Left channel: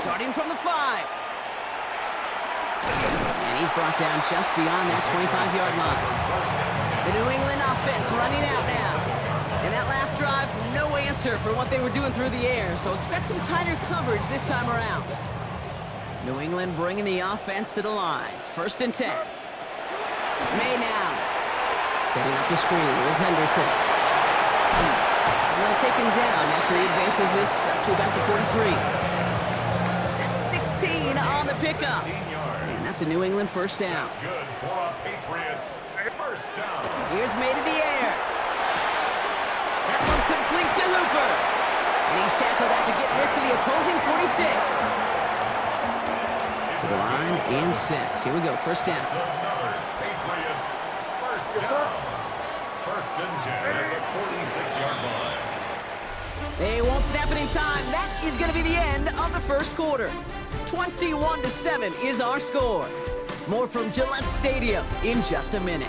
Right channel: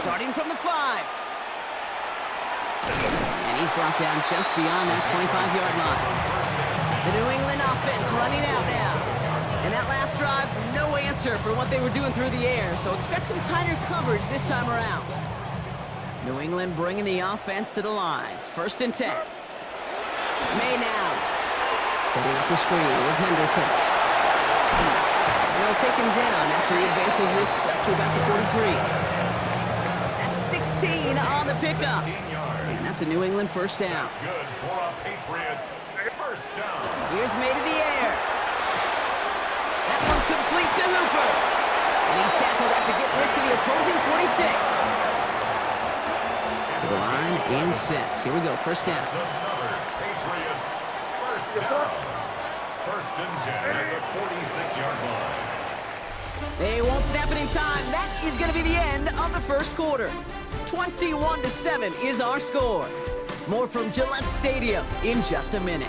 Starting from the 5. And he's brought down just beyond that 25-yard line. The New England offense running out now. And that last drive, no answer for what they were doing through the air, so expect some tighter coverage this time around. New England bringing the offense to the line. 1st and 10. May now. Setting up the screen with Henderson. And they'll take him down after he advances this up to about the 43. That's 16 on the pickup. And that's a New England 1st down. That's good for a Patriots 1st down. Here's May to the air. That one complete to Hooper. And he's tackled after getting this to the opposing 46. To the line and set. Here we go, 1st down. It's another Patriots 1st down. 1st and 10 at the 46-yard line. They won't snap it in time. That is going to be the end of the 1st quarter. 21-7 is our score. More from Gillette Stadium in just a minute.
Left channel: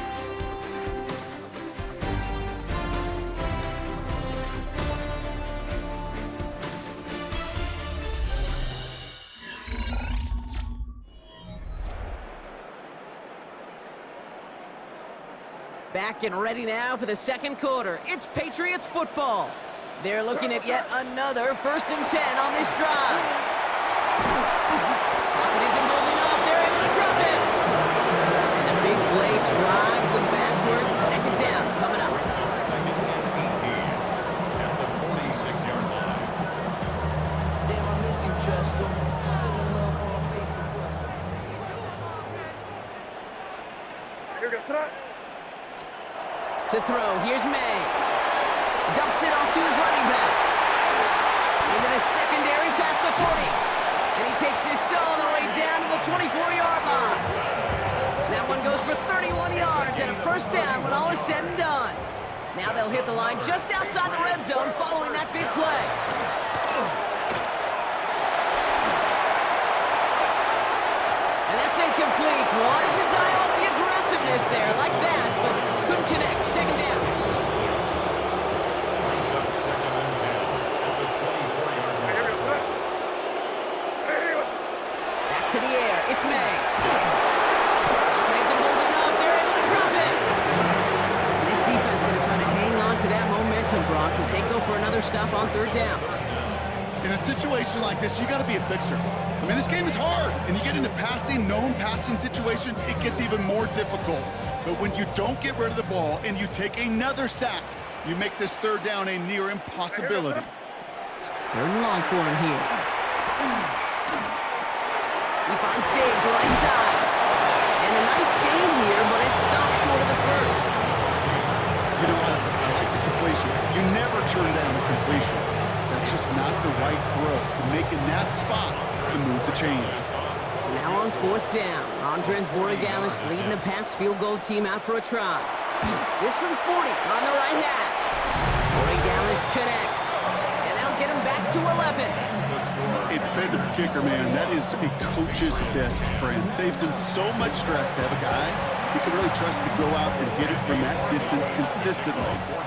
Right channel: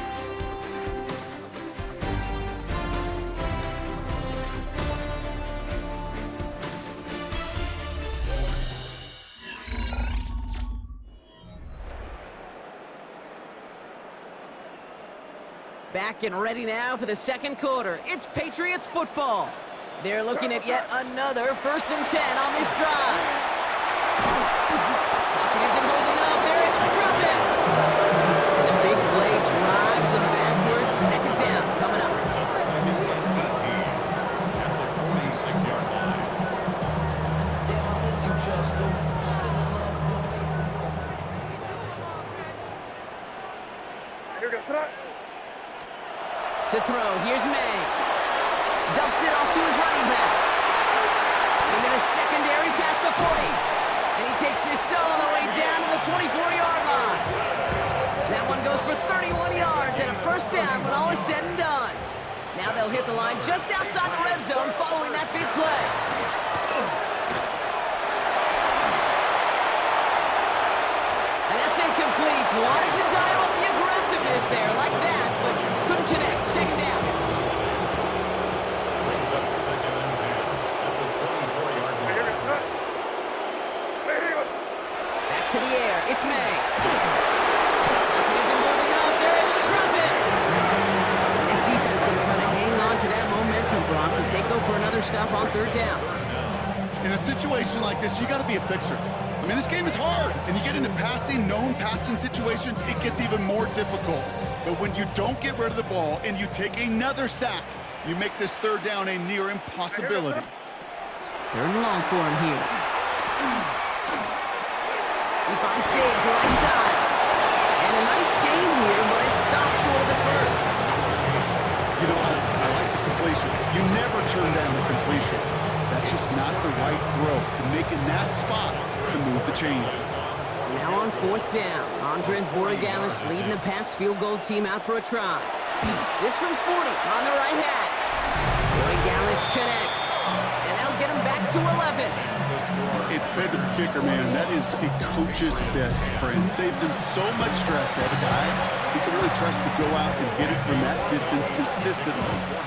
Back and ready now for the 2nd quarter. It's Patriots football. They're looking at yet another 1st and 10 on this drive. Pocket isn't holding up. They're able to drop it. And the big play drives them backwards. 2nd down coming up. Brings up 2nd and 18 at the 46-yard line. Damn, I miss you, Chester. Sending love from my Facebook. Here we go, tonight. To throw, here's May. Dumps it off to his running back. And then a secondary past the 40. And he takes this all the way down to the 24-yard line. That one goes for 31 yards and a 1st down when all is said and done. Now they'll hit the line just outside the red zone following that big play. And that's incomplete. Wanted to dial up the aggressiveness there like that, but couldn't connect. 2nd down. Brings up 2nd and 10 at the 24-yard line. Here we go, tonight. Back to the air. It's May. Pocket isn't holding up. They're able to drop it. And this defense going to try to hang on to that momentum, Brock, as they go for another stop on 3rd down. In a situation like this, you got to be a fixer. I mean, this game is hard, and you get into known passing situations, it gets even more difficult. But when you don't get rid of the ball and you take another sack, you make this 3rd down a near impossibility. 3rd and long for him here. He finds Diggs right side. And a nice gain here, but it stopped short of the 1st. You know, I like the completion. You never turn down a completion. That's just not the right throw to make in that spot to move the chains. So now on 4th down, Andres Borregalis leading the Pats field goal team out for a try. This from 40 on the right hash. Borregalis connects, and that'll get him back to 11. A dependable kicker, man. That is a coach's best friend. Saves him so much stress to have a guy he can really trust to go out and hit it from that distance consistently.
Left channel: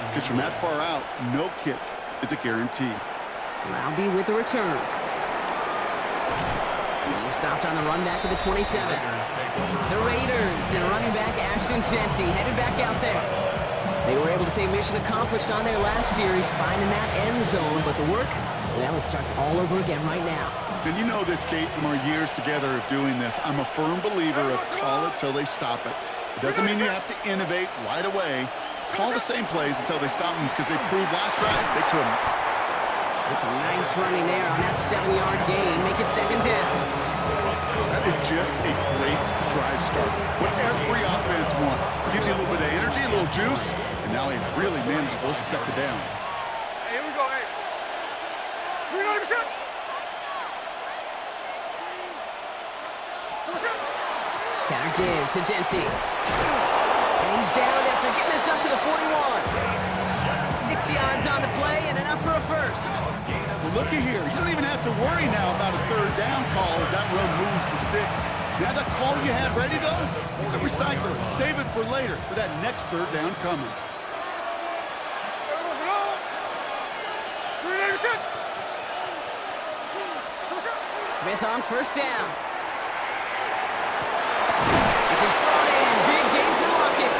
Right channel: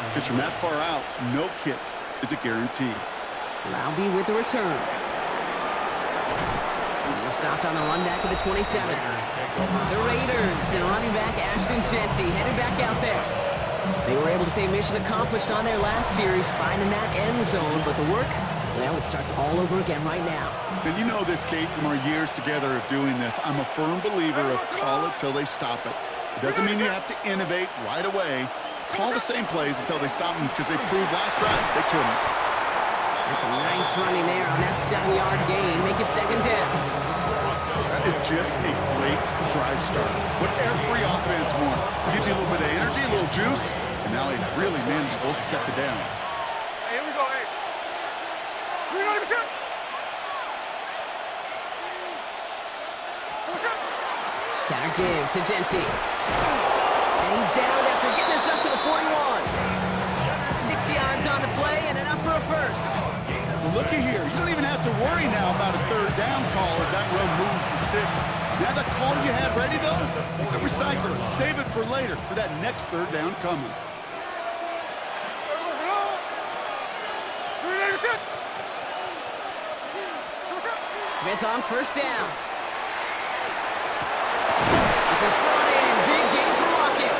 Because from that far out, no kick is a guarantee. Laube with the return. He stopped on the run back of the 27. The Raiders and running back Ashton Jeanty headed back out there. They were able to say mission accomplished on their last series, finding that end zone, but the work, well, it starts all over again right now. And you know this, Kate, from our years together of doing this. I'm a firm believer of call it till they stop it. It doesn't mean you have to innovate right away. Call the same plays until they stop them, because they proved last drive they couldn't. And some nice running there on that 7-yard gain. Make it 2nd down. That is just a great drive start. What every offense wants. Gives you a little bit of energy, a little juice, and now a really manageable 2nd down. Hey, here we go, hey. 300%. Counter give to Jeanty. And he's down after getting this up to the 41. 6 yards on the play and enough for a 1st. Well, looky here. You don't even have to worry now about a 3rd down call as that run moves the sticks. Now that call you had ready, though, you can recycle it. Save it for later for that next 3rd down coming. Smith on first down. This is brought in. Big gain for Lockett.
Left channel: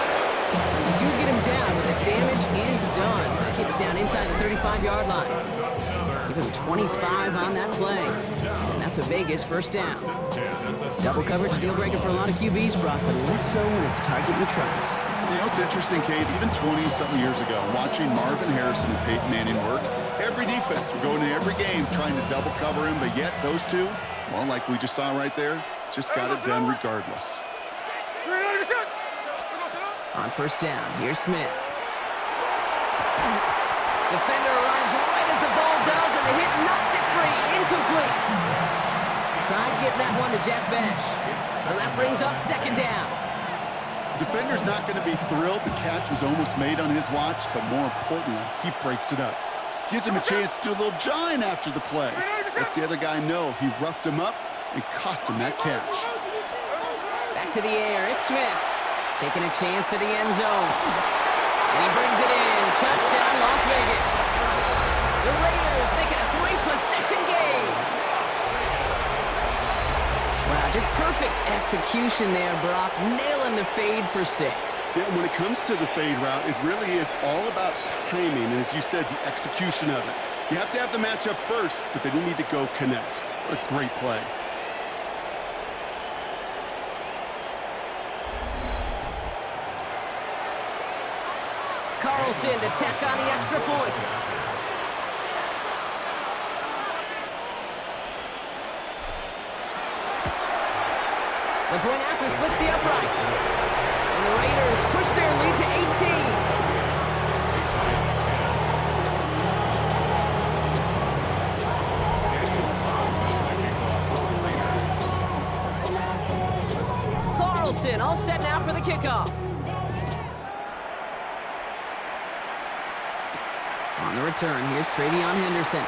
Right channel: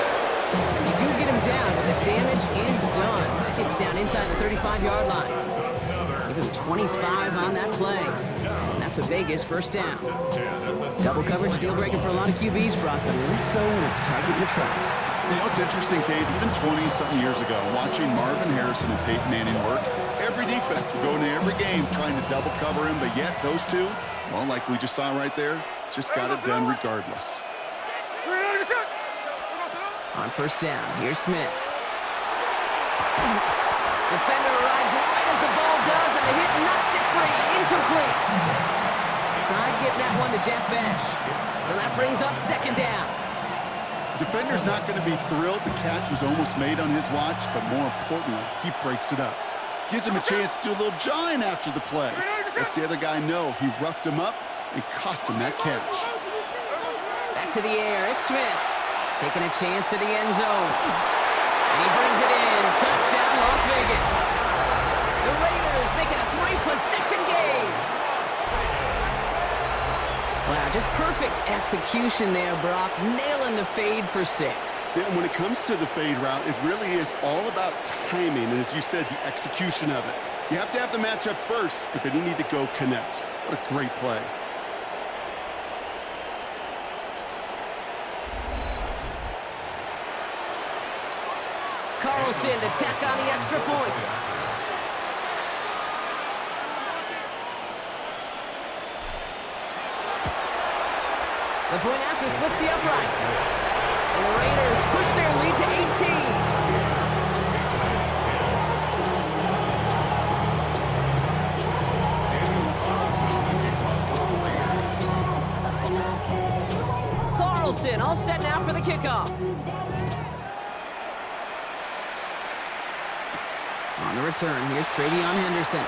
And you do get him down, but the damage is done. This gets down inside the 35-yard line. Give him 25 on that play. And that's a Vegas first down. Double coverage, deal breaker for a lot of QBs, Brock, but less so when it's a target you trust. You know, it's interesting, Kate, even 20-something years ago, watching Marvin Harrison and Peyton Manning work, every defense would go into every game trying to double cover him, but yet those two, well, like we just saw right there, just got it done regardless. On first down, here's Smith. Defender arrives right as the ball does, and the hit knocks it free. Incomplete. Tried getting that one to Jack Besh. So that brings up second down. Defender's not going to be thrilled. The catch was almost made on his watch, but more importantly, he breaks it up. Gives him a chance to do a little jawing after the play. Lets the other guy know he roughed him up and cost him that catch. Back to the air, it's Smith. Taking a chance to the end zone. And he brings it in. Touchdown, Las Vegas. The Raiders make it a 3-possession game. Wow, just perfect execution there, Brock. Nailing the fade for 6. Yeah, when it comes to the fade route, it really is all about timing, and as you said, the execution of it. You have to have the matchup first, but then you need to go connect. What a great play. Carlson to tack on the extra point. The point after splits the upright. And the Raiders push their lead to 18. Carlson all set now for the kickoff. On the return, here's Travion Henderson.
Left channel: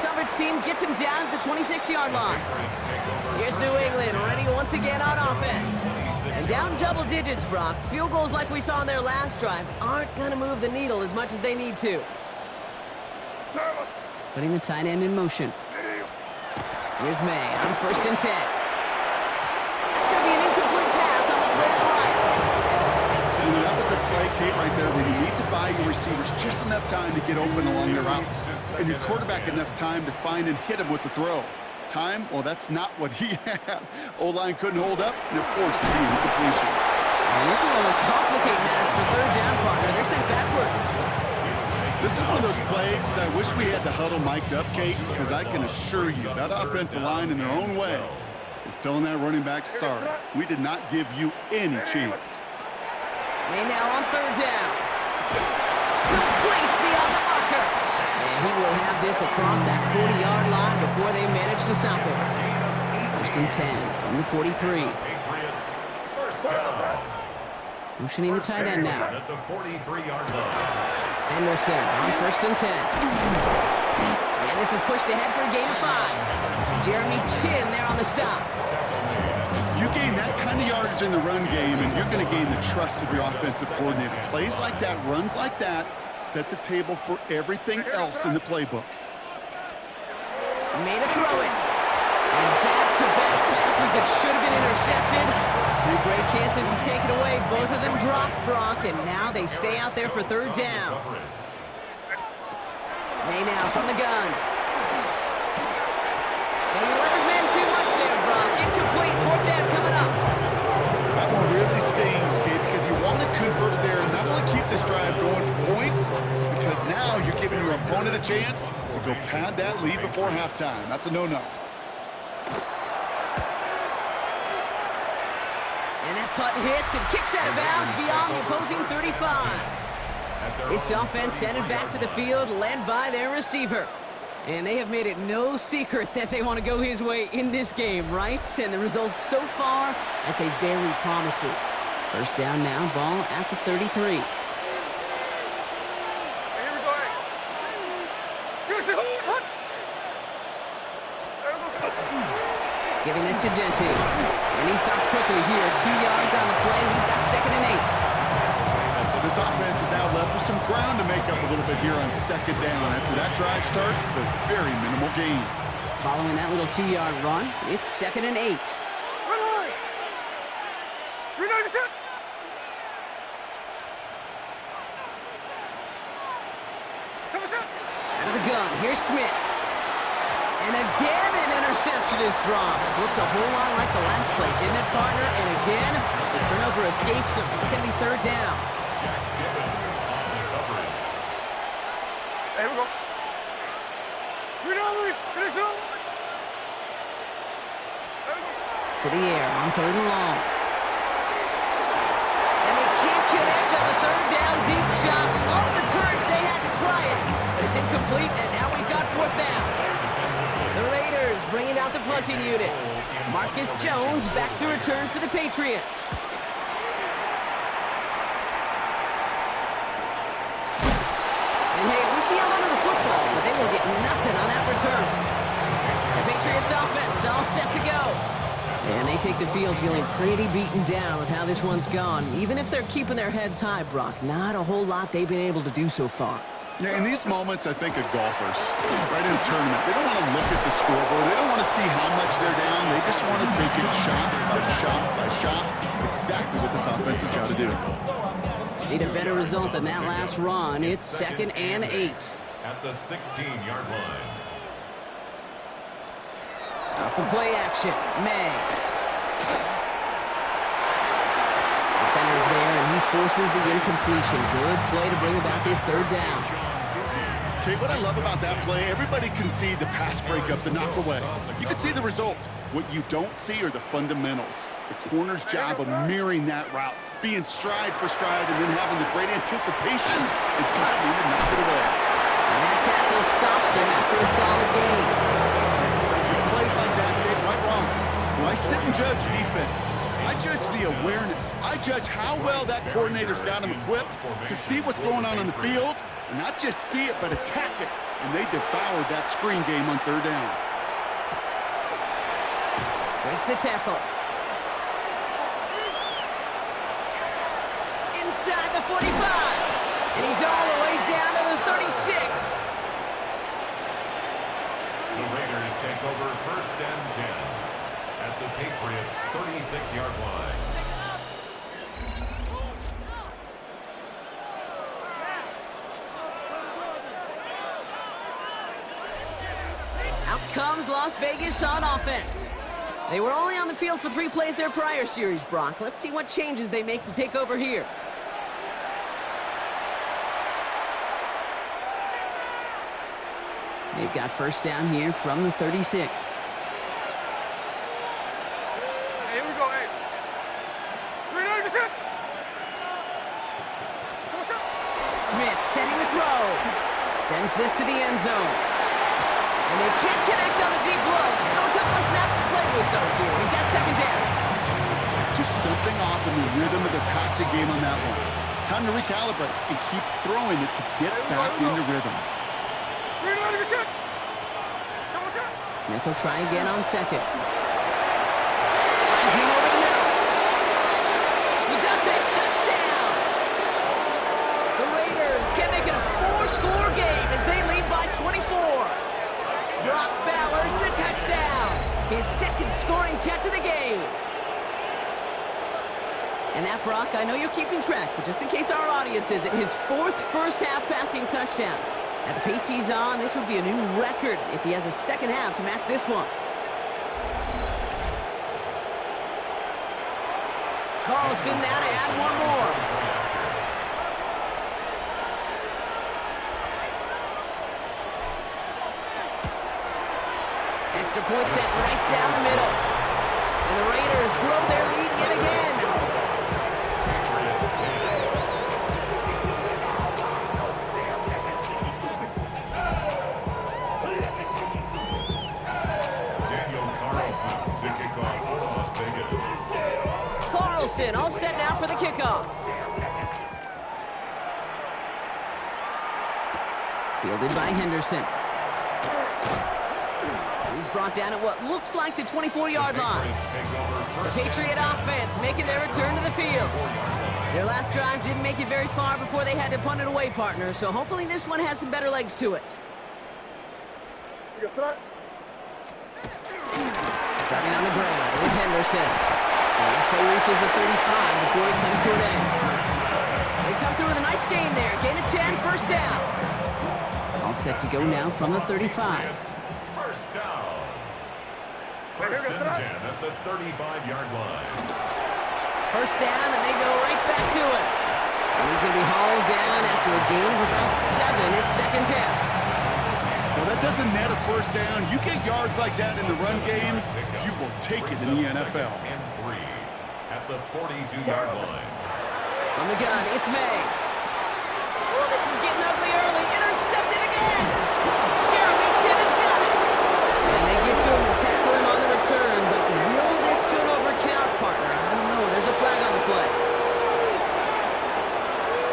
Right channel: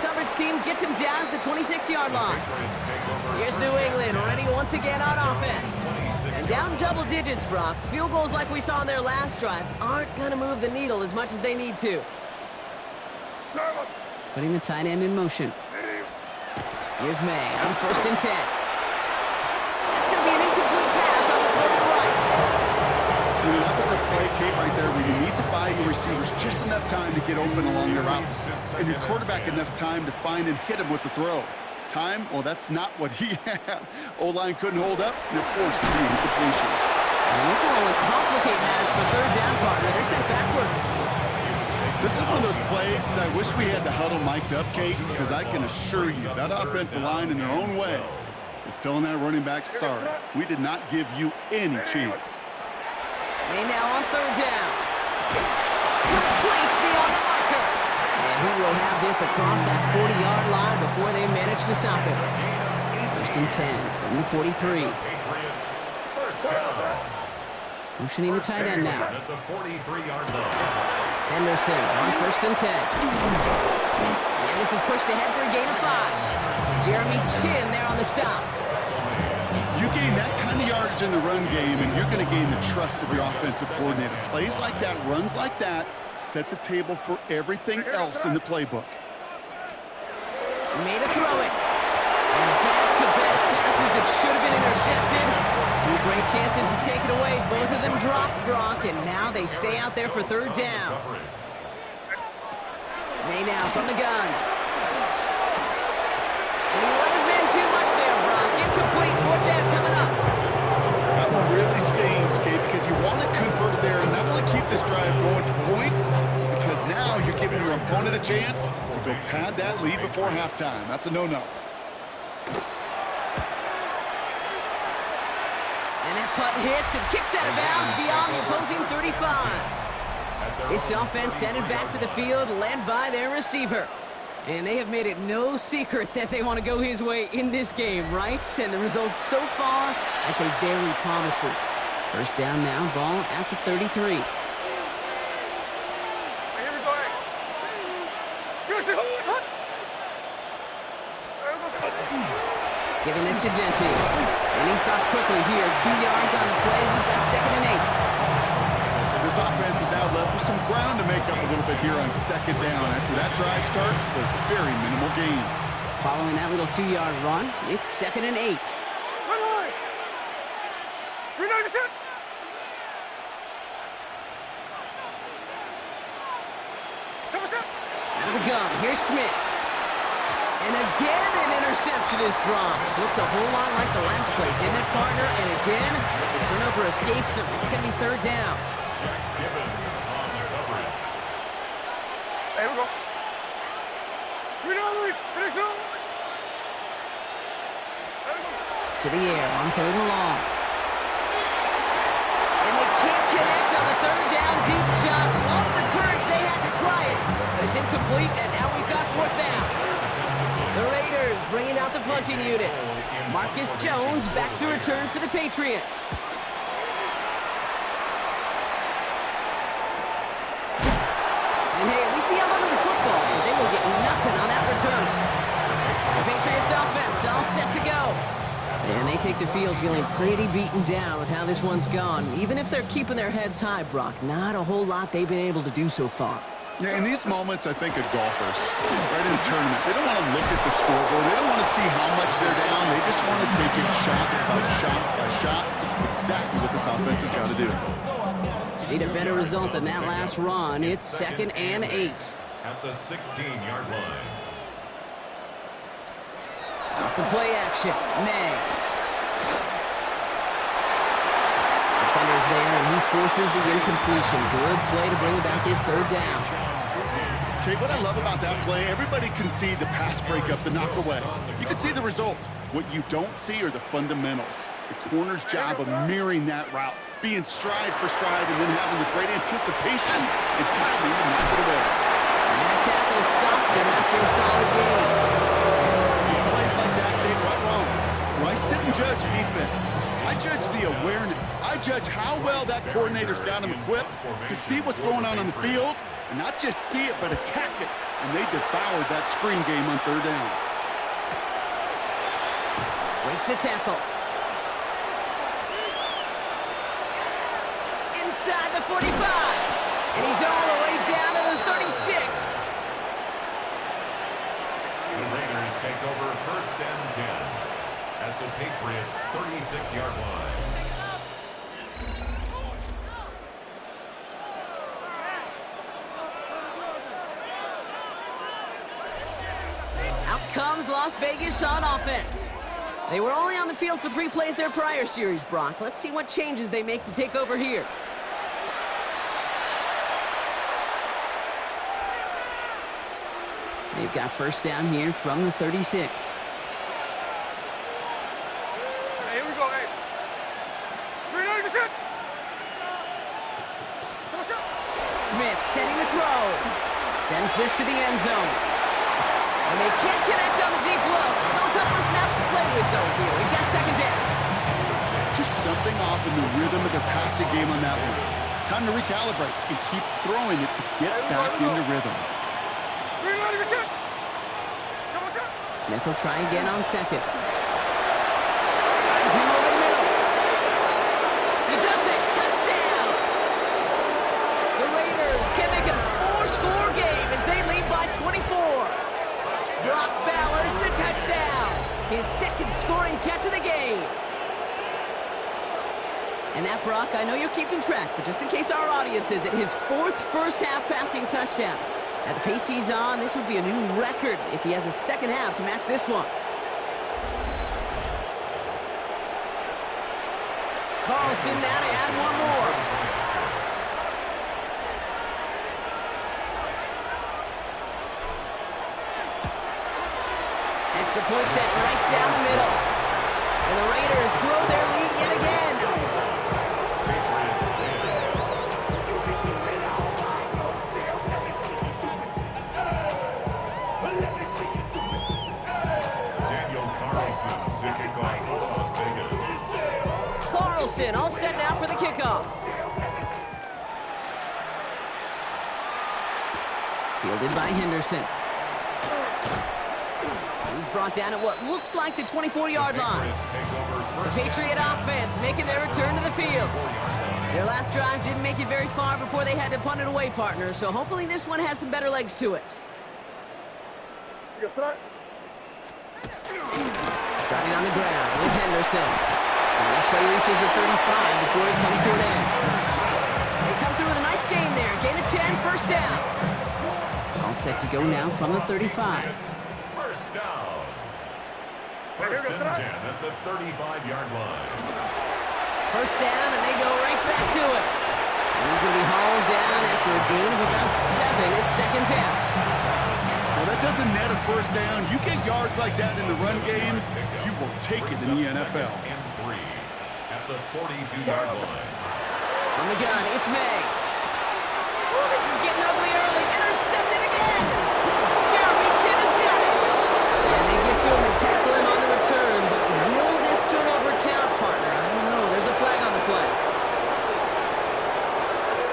Coverage team gets him down at the 26-yard line. Here's New England, ready once again on offense. And down double digits, Brock. Field goals like we saw on their last drive aren't going to move the needle as much as they need to. Putting the tight end in motion. Here's May on first and 10. That's going to be an incomplete pass on the throw to the right. You know, that was a play, Kate, right there where you need to buy your receivers just enough time to get open along their routes, and your quarterback enough time to find and hit him with the throw. Time? Well, that's not what he had. O-line couldn't hold up, and it forced the incompletion. And this will only complicate matters for third down, partner. They're sent backwards. This is one of those plays that I wish we had the huddle mic'd up, Kate, because I can assure you that offensive line in their own way is telling that running back, sorry, we did not give you any chance. May now on third down. Complete beyond the marker. And he will have this across that 40-yard line before they manage to stop him. First and 10 from the 43. Motioning the tight end now. Henderson on first and 10. And this is pushed ahead for a gain of 5. Jeremy Chin there on the stop. You gain that kind of yardage in the run game, and you're going to gain the trust of your offensive coordinator. Plays like that, runs like that, set the table for everything else in the playbook. Made a throw it. And back-to-back passes that should have been intercepted. 2 great chances to take it away. Both of them dropped, Brock, and now they stay out there for third down. May now from the gun. And he let his man too much there, Brock. Incomplete. Fourth down coming up. That one really stings, Kate, because you want to convert there and not only keep this drive going for points, because now you're giving your opponent a chance to go pad that lead before halftime. That's a no-no. And that punt hits and kicks out of bounds beyond the opposing 35. This offense headed back to the field, led by their receiver. And they have made it no secret that they want to go his way in this game, right? And the results so far, I'd say very promising. First down now, ball at the 33. Here we go. Giving this to Genty. And he stopped quickly here. 2 yards on the play. We've got second and 8. This offense is now left with some ground to make up a little bit here on second down. After that drive starts with a very minimal gain. Following that little 2-yard run, it's 2nd and 8. Run. Green light, set. Out of the gun, here's Smith. And again, an interception is dropped. Looked a whole lot like the last play, didn't it, partner? And again, the turnover escapes him. It's going to be 3rd down. Jack Gibbons on the coverage. Here we go. Green light, finish it. To the air on 3rd and long. And they can't connect on the 3rd down deep shot. Love the courage they had to try it, but it's incomplete, and now we've got 4th down. The Raiders bringing out the punting unit. Marcus Jones back to return for the Patriots. And hey, we see out under the football, but they will get nothing on that return. The Patriots offense all set to go. And they take the field feeling pretty beaten down with how this one's gone. Even if they're keeping their heads high, Brock, not a whole lot they've been able to do so far. Yeah, in these moments, I think of golfers, right in a tournament. They don't want to look at the scoreboard. They don't want to see how much they're down. They just want to take it shot by shot by shot. It's exactly what this offense has got to do. Need a better result than that last run. It's 2nd and 8. At the 16-yard line. Off the play action, May. Defender's there, and he forces the incompletion. Good play to bring about this 3rd down. Okay, what I love about that play, everybody can see the pass breakup, the knock away. You can see the result. What you don't see are the fundamentals. The corner's job of mirroring that route, being stride for stride, and then having the great anticipation and timing to knock it away. And that tackle stops him after a solid gain. It's plays like that, Kate, right wrong. When I sit and judge defense, I judge the awareness. I judge how well that coordinator's got him equipped to see what's going on the field, and not just see it, but attack it. And they devoured that screen game on 3rd down. Breaks the tackle. Inside the 45. And he's all the way down to the 36. The Raiders take over 1st and 10 at the Patriots' 36-yard line. Out comes Las Vegas on offense. They were only on the field for 3 plays their prior series, Brock. Let's see what changes they make to take over here. They've got 1st down here from the 36. Hey, here we go, hey. Green light, set. Smith setting the throw. Sends this to the end zone. And they can't connect on the deep low. Still a couple of snaps to play with, though, here. We've got 2nd down. Just something off in the rhythm of their passing game on that one. Time to recalibrate and keep throwing it to get back into rhythm. Smith will try again on 2nd. Finds him over the middle. He does it. Touchdown! The Raiders can make it a 4-score game as they lead by 24. Brock Bowers the touchdown. His 2nd scoring catch of the game. And that, Brock, I know you're keeping track, but just in case our audience isn't, his 4th first-half passing touchdown. At the pace he's on, this would be a new record if he has a 2nd half to match this one. Carlson now to add one more. Extra point set right down the middle. And the Raiders grow their lead yet again. Patriots 10. To kick off for Las Vegas. Carlson all set now for the kickoff. Fielded by Henderson. He's brought down at what looks like the 24-yard line. The Patriot offense making their return to the field. Their last drive didn't make it very far before they had to punt it away, partner, so hopefully this one has some better legs to it. You got Starting on the ground with Henderson. And this play reaches the 35 before it comes to an end. They come through with a nice gain there. Gain of 10, first down. All set to go now from the 35. First down. First and 10 at the 35-yard line. First down, and they go right back to it. And he's going to be hauled down after a gain of about 7 at second down. Well, that doesn't net a first down. You get yards like that in the run game, you will take it in the NFL. And 3 at the 42-yard line. From the gun, it's May. Oh, this is getting ugly early. Intercepted again. Jeremy Chin has got it. And they get to him and tackle him on the return. But will this turnover count, partner? I don't know. There's a flag on the play.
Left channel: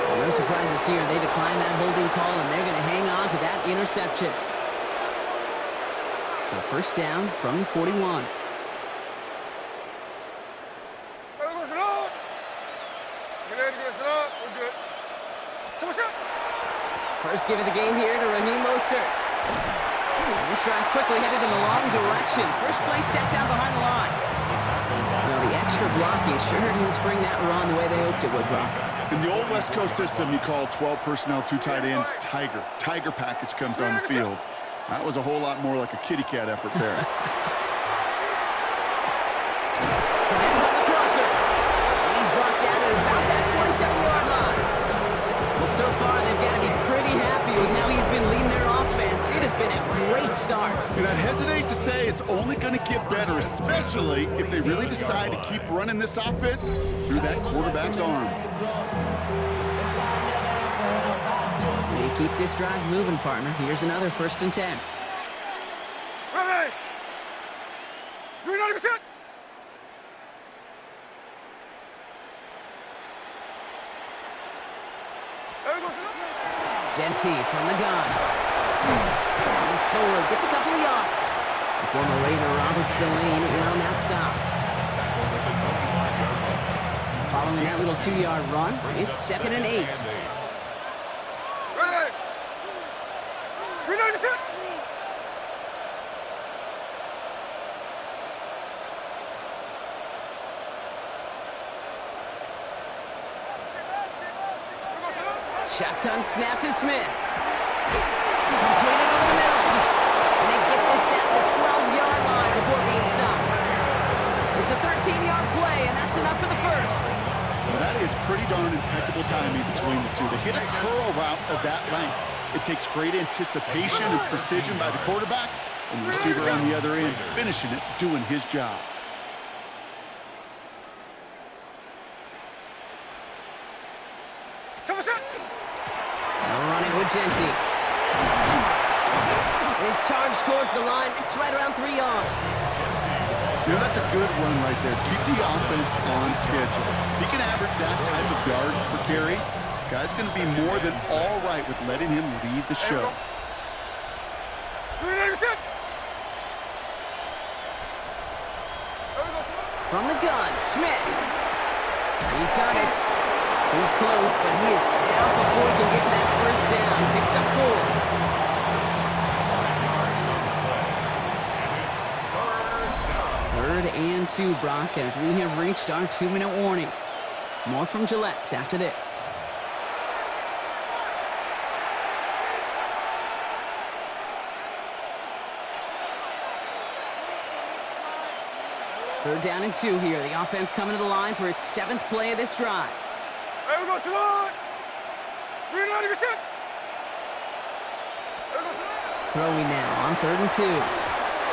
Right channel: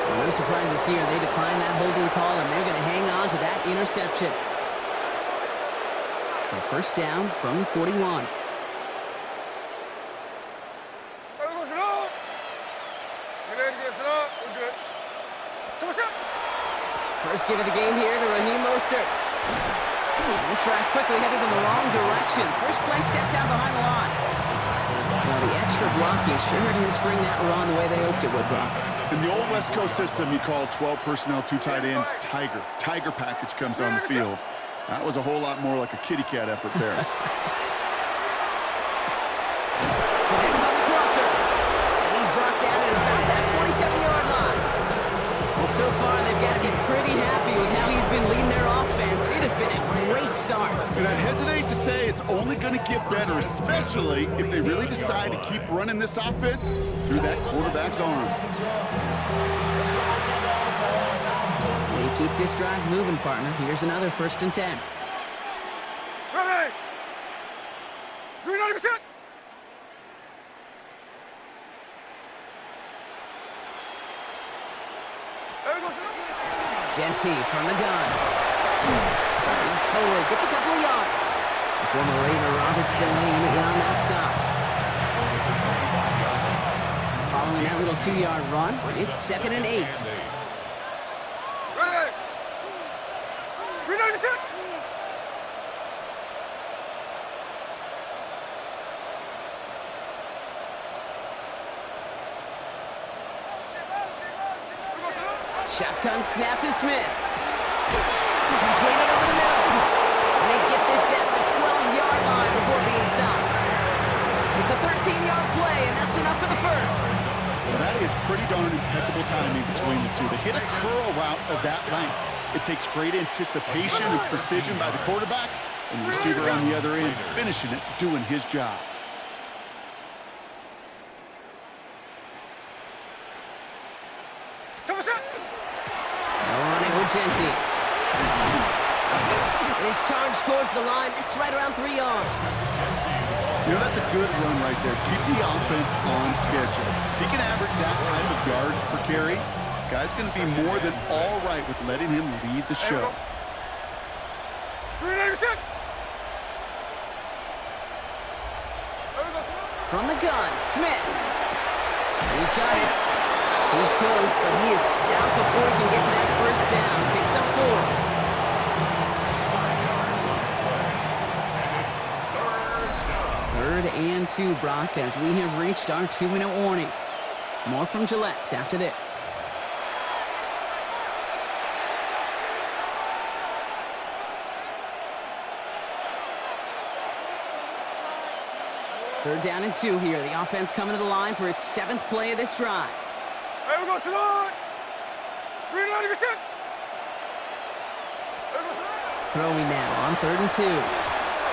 Well, no surprises here. They decline that holding call, and they're going to hang on to that interception. So first down from the 41. First give of the game here to Raheem Mostert. And this drive's quickly headed in the wrong direction. First play set down behind the line. Well, the extra blocking sure didn't spring that run the way they hoped it would, Brock. In the old West Coast system, you call 12 personnel, 2 tight ends, Tiger. Tiger package comes on the field. That was a whole lot more like a kitty cat effort there. Connects on the crosser. And he's brought down at about that 27-yard line. Well, so far, they've got to be pretty happy with how he's been leading their offense. It has been a great start. And I'd hesitate to say it's only going to get better, especially if they really decide to keep running this offense through that quarterback's arm. They keep this drive moving, partner. Here's another first and 10. Ready! Green 90%! Genty from the gun. He's forward, gets a couple of yards. The former Raider Robert Spillane in on that stop. Following that little 2-yard run, it's second and 8. Ready! Green 90%! Shotgun snap to Smith. Completed over the middle. And they get this down to the 12-yard line before being stopped. It's a 13-yard play, and that's enough for the first. Well, that is pretty darn impeccable timing between the two. They hit a curl route of that length. It takes great anticipation and precision by the quarterback, and the receiver on the other end finishing it, doing his job. No running with Genty. And he's charged towards the line. It's right around 3 yards. You know, that's a good run right there. Keep the offense on schedule. If he can average that type of yards per carry, this guy's going to be more than all right with letting him lead the show. From the gun, Smith. He's got it. He's close, but he is stout before he can get to that first down. Picks up 4. 5 yards on the play. And it's third down. 3rd and 2, Brock, as we have reached our 2-minute warning. More from Gillette after this. Third down and 2 here. The offense coming to the line for its 7th play of this drive. Hey, we go, Salon! Green 90%! Throwing now on 3rd and 2.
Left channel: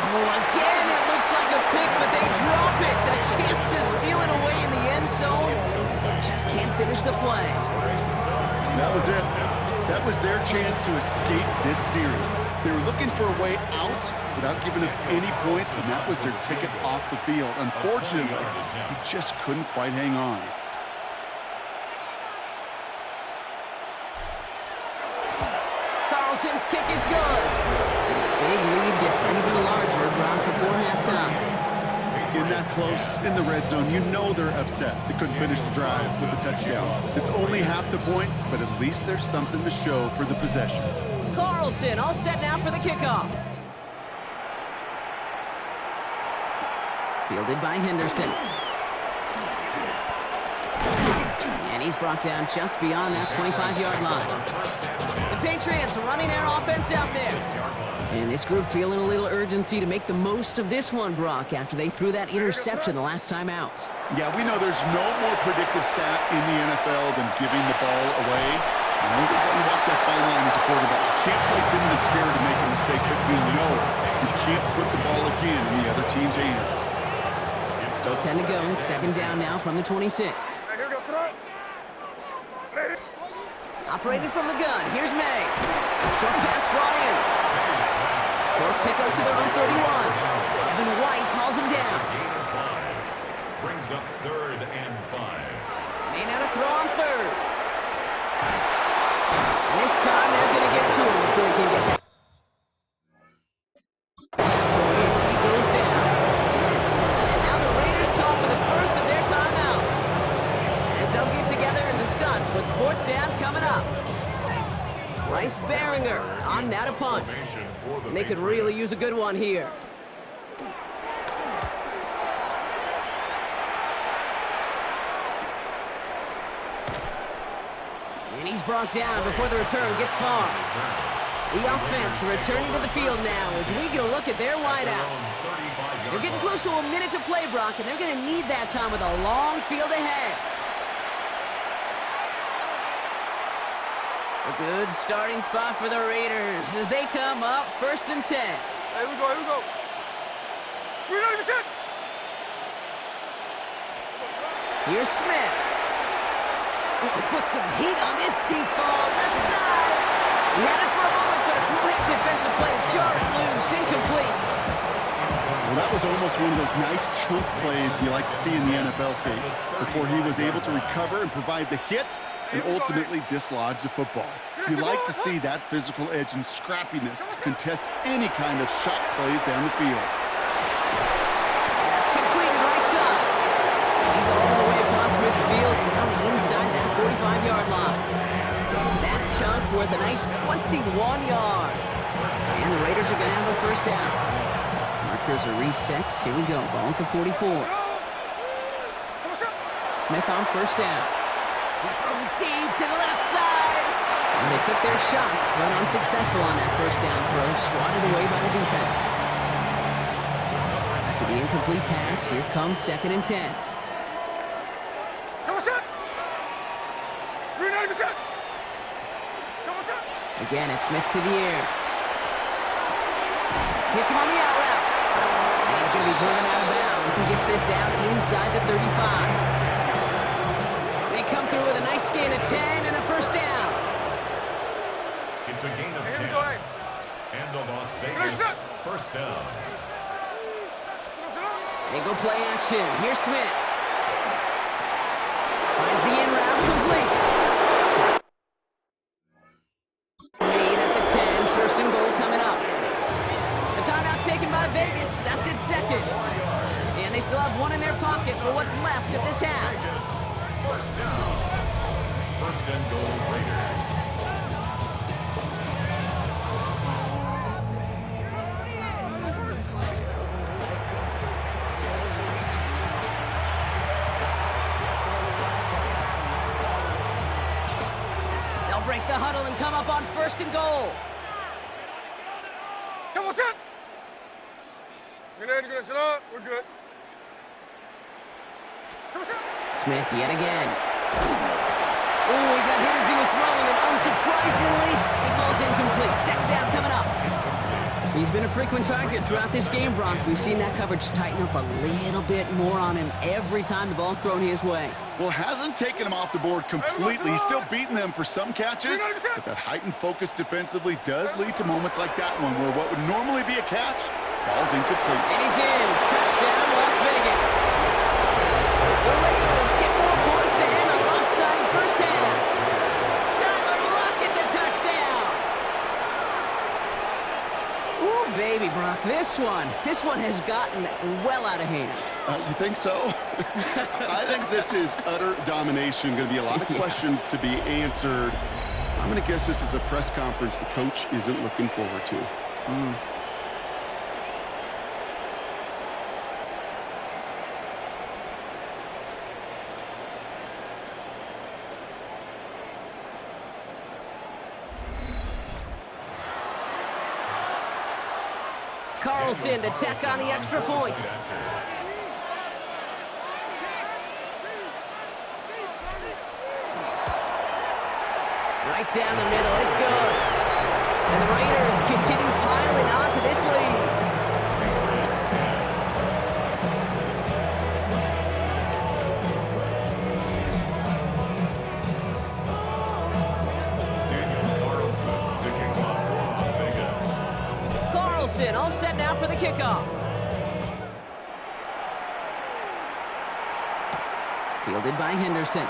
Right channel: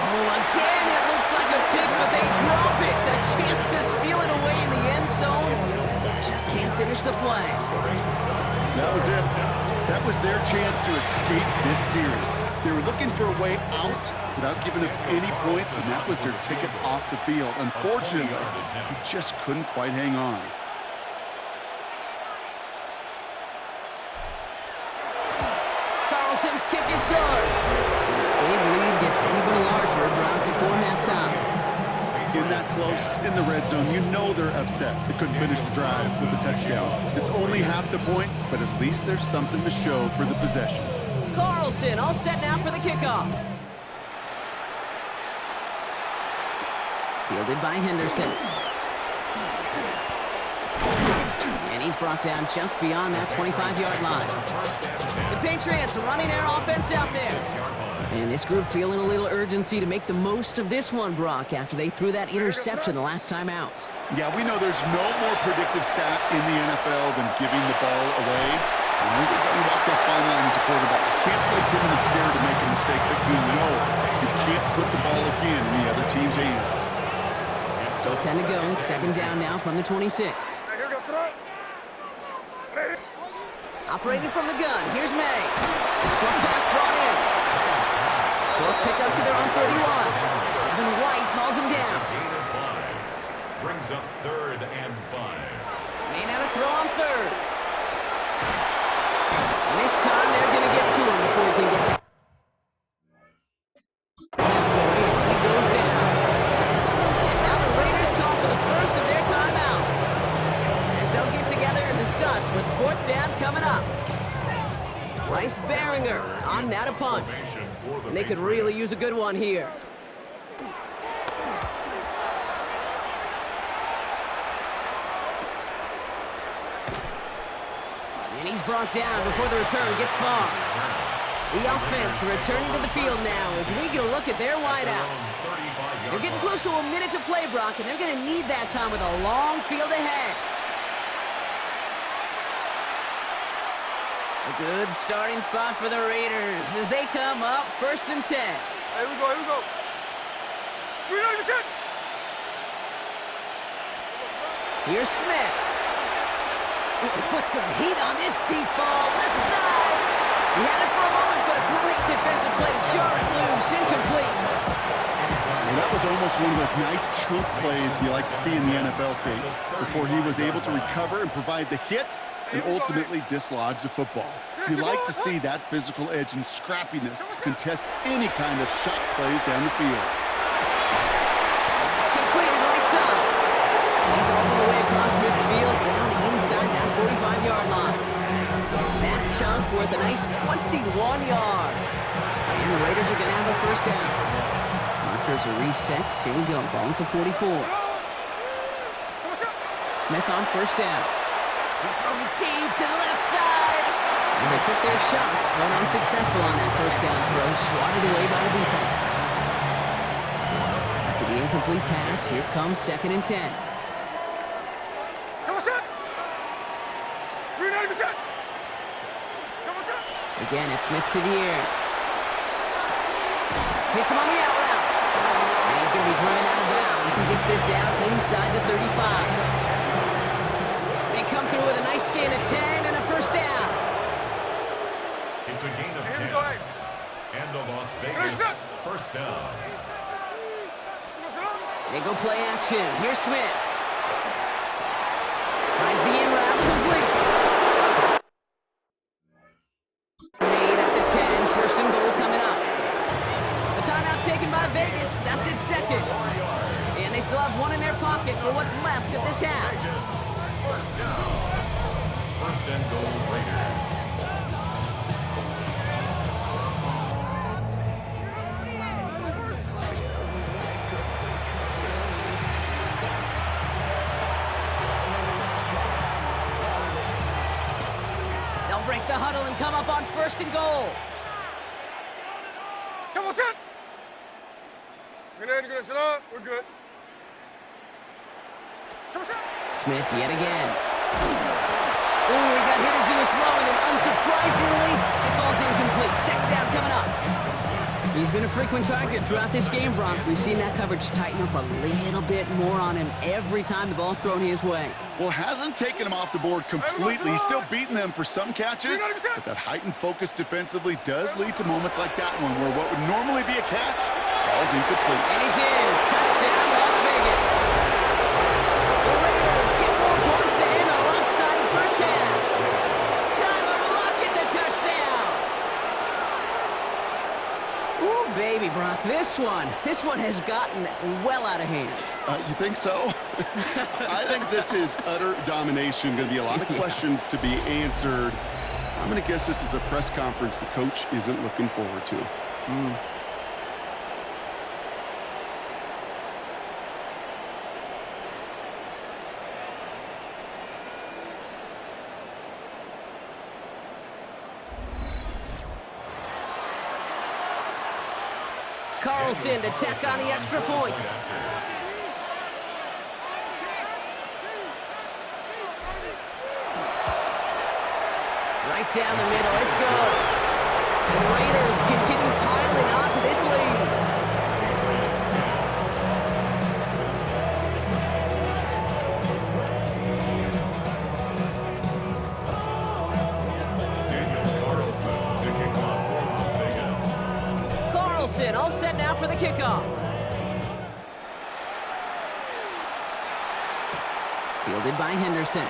Oh, again, it looks like a pick, but they drop it. A chance to steal it away in the end zone. They just can't finish the play. That was it. That was their chance to escape this series. They were looking for a way out without giving up any points, and that was their ticket off the field. Unfortunately, he just couldn't quite hang on. Carlson's kick is good. Big lead gets even larger, Brock, before halftime. In that close, in the red zone, you know they're upset. They couldn't finish the drive with a touchdown. It's only half the points, but at least there's something to show for the possession. Carlson all set now for the kickoff. Fielded by Henderson. And he's brought down just beyond that 25-yard line. The Patriots running their offense out there. And this group feeling a little urgency to make the most of this one, Brock, after they threw that interception the last time out. Yeah, we know there's no more predictive stat in the NFL than giving the ball away. You know, you walk that fine line as a quarterback. You can't play timid and scared to make a mistake, but you know you can't put the ball again in the other team's hands. Still 10 to go. It's second down now from the 26. Operating from the gun. Here's May. Short pass brought in. Short pickup to their own 31. Devin White hauls him down. Gain of 5. Brings up 3rd and 5. May now to throw on 3rd. And this time they're going to get to him before he can get that pass away as he goes down. And now the Raiders call for the first of their timeouts, as they'll get together and discuss with 4th down coming up. Bryce Behringer on now to punt. And they could really use a good one here. And he's brought down before the return gets far. The offense returning to the field now as we get a look at their wideouts. They're getting close to a minute to play, Brock, and they're going to need that time with a long field ahead. A good starting spot for the Raiders as they come up 1st and 10. Here we go, here we go. We're not even set. Here's Smith. Ooh, put some heat on this deep ball, left side. He had it for a moment, but a great defensive play to jar it loose, incomplete. Well, that was almost one of those nice chunk plays you like to see in the NFL, Kate, before he was able to recover and provide the hit and ultimately dislodge the football. You like to see that physical edge and scrappiness to contest any kind of shot plays down the field. That's completed right side. And he's all the way across midfield down inside that 45-yard line. That chunk worth a nice 21 yards. And the Raiders are going to have a first down. Markers are reset. Here we go. Ball at the 44. Smith on first down. He's throwing deep to the left side. And they took their shots, but unsuccessful on that first down throw. Swatted away by the defense. After the incomplete pass, here comes 2nd and 10. Again, it's Smith to the air. Hits him on the out route. And he's going to be driven out of bounds and gets this down inside the 35. They come through with a nice gain of 10 and a first down. It's a gain of 10. And the Las Vegas first down. They go play action. Here's Smith. Finds the in route complete. Made at the 10. 1st and goal coming up. The timeout taken by Vegas. That's its 2nd. And they still have one in their pocket for what's left of this half. First down. 1st and goal Raiders. They'll break the huddle and come up on 1st and goal. We're good. Smith yet again. Ooh, he got hit as he was throwing, and unsurprisingly, it falls incomplete. 2nd down coming up. He's been a frequent target throughout this game, Brock. We've seen that coverage tighten up a little bit more on him every time the ball's thrown his way. Well, hasn't taken him off the board completely. He's still beating them for some catches, but that heightened focus defensively does lead to moments like that one where what would normally be a catch falls incomplete. And he's in. Touchdown, Las Vegas. The Raiders get more points to end a lopsided first half. Tyler Lockett, the touchdown. Ooh, baby, Brock, this one has gotten well out of hand. You think so? I think this is utter domination. Going to be a lot of questions to be answered. I'm going to guess this is a press conference the coach isn't looking forward to. Carlson to tack on the extra point. Right down the middle, it's good. And the Raiders continue piling onto this lead. Patriots 10. Daniel Carlson to kick off for Las Vegas. Carlson all set now for the kickoff. Fielded by Henderson.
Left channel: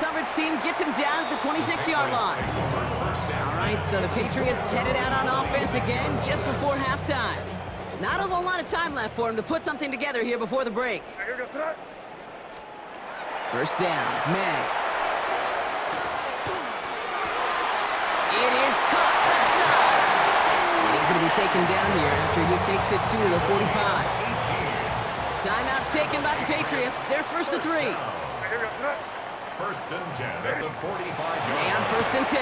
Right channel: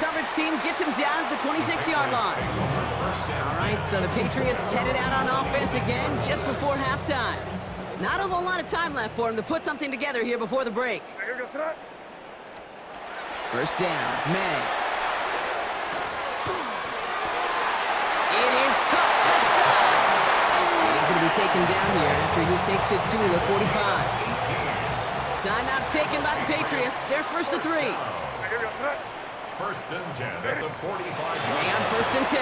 Coverage team gets him down at the 26-yard line. All right, so the Patriots headed out on offense again just before halftime. Not a whole lot of time left for him to put something together here before the break. First down, May. It is caught left side. And he's going to be taken down here after he takes it to the 45. Timeout taken by the Patriots. They're first to 3. First and 10 at the 45-yard May on first and 10.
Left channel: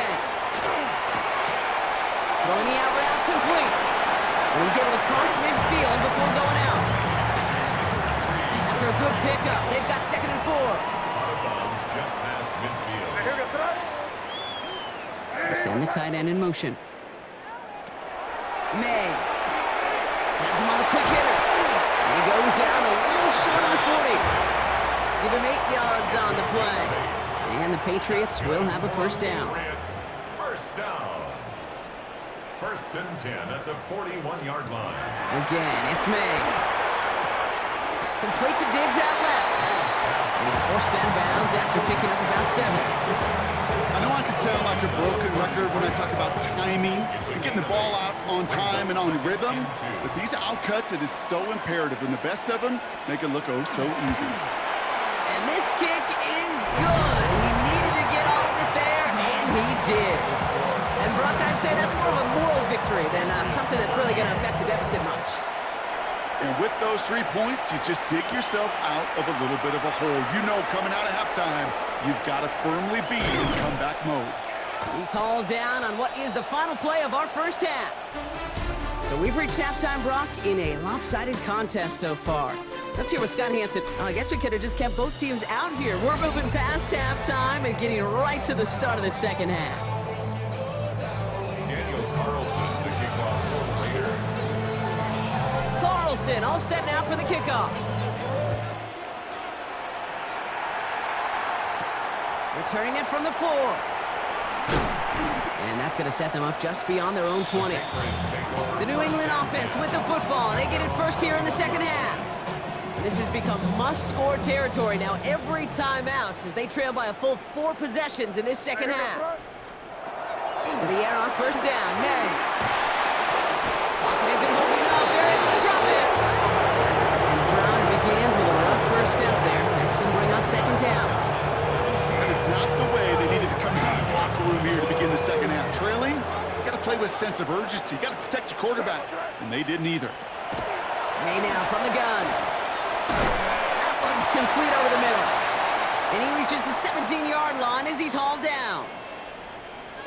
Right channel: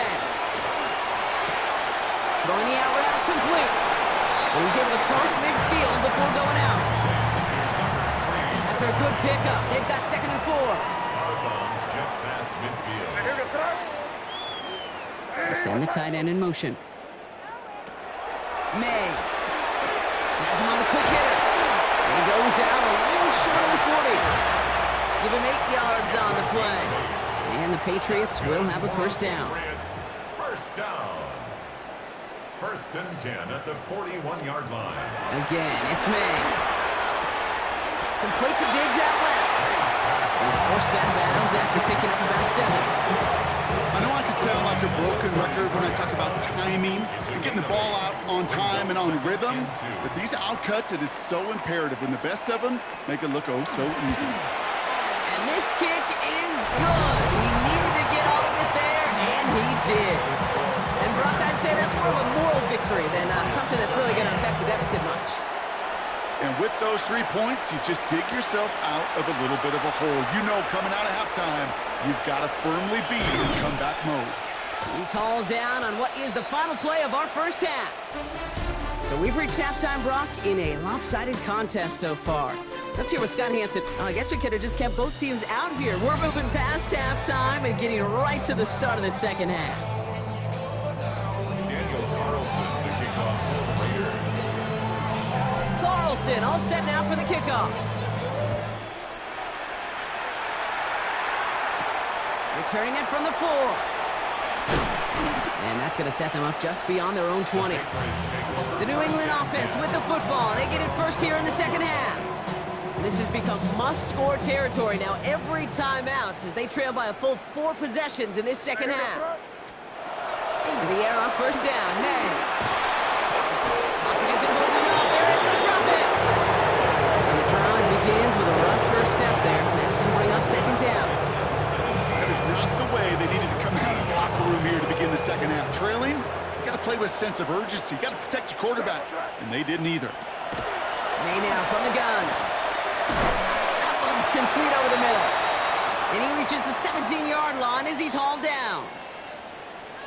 Throwing the out route complete. And he's able to cross midfield before going out. After a good pickup, they've got second and 4. Out of bounds just past midfield. They send the tight end in motion. May has him on the quick hitter. And he goes out a little short of the 40. Give him 8 yards on the play. And the Patriots will have a first down. First down. First and 10 at the 41-yard line. Again, it's May. Complete to Diggs out left. And he's forced out of bounds after picking up about 7. I know I can sound like a broken record when I talk about timing and getting the ball out on time and on rhythm, but these outcuts, it is so imperative, and the best of them make it look oh so easy. And this kick is good. He needed to get all of it there, and he did. And Brock, I'd say that's more of a moral victory than something that's really going to affect the deficit much. And with those 3 points, you just dig yourself out of a little bit of a hole. You know, coming out of halftime, you've got to firmly be in comeback mode. He's hauled down on what is the final play of our first half. So we've reached halftime, Brock, in a lopsided contest so far. Let's hear what Scott Hansen. I guess we could have just kept both teams out here. We're moving past halftime and getting right to the start of the second half. Daniel Carlson to kick off for the Raiders. Carlson all set now for the kickoff. Returning it from the 4. And that's going to set them up just beyond their own 20. The New England offense with the football. They get it first here in the second half. This has become must-score territory now every time out as they trail by a full 4 possessions in this second half. To the air on first down, May. Pocket isn't holding up. They're able to drop it. And the drive begins with a rough first step there. That's going to bring up second down. That is not the way they needed to come out of the locker room here to begin the second half. Trailing, you got to play with a sense of urgency. You got to protect your quarterback, and they didn't either. May now from the gun. That one's complete over the middle. And he reaches the 17-yard line as he's hauled down.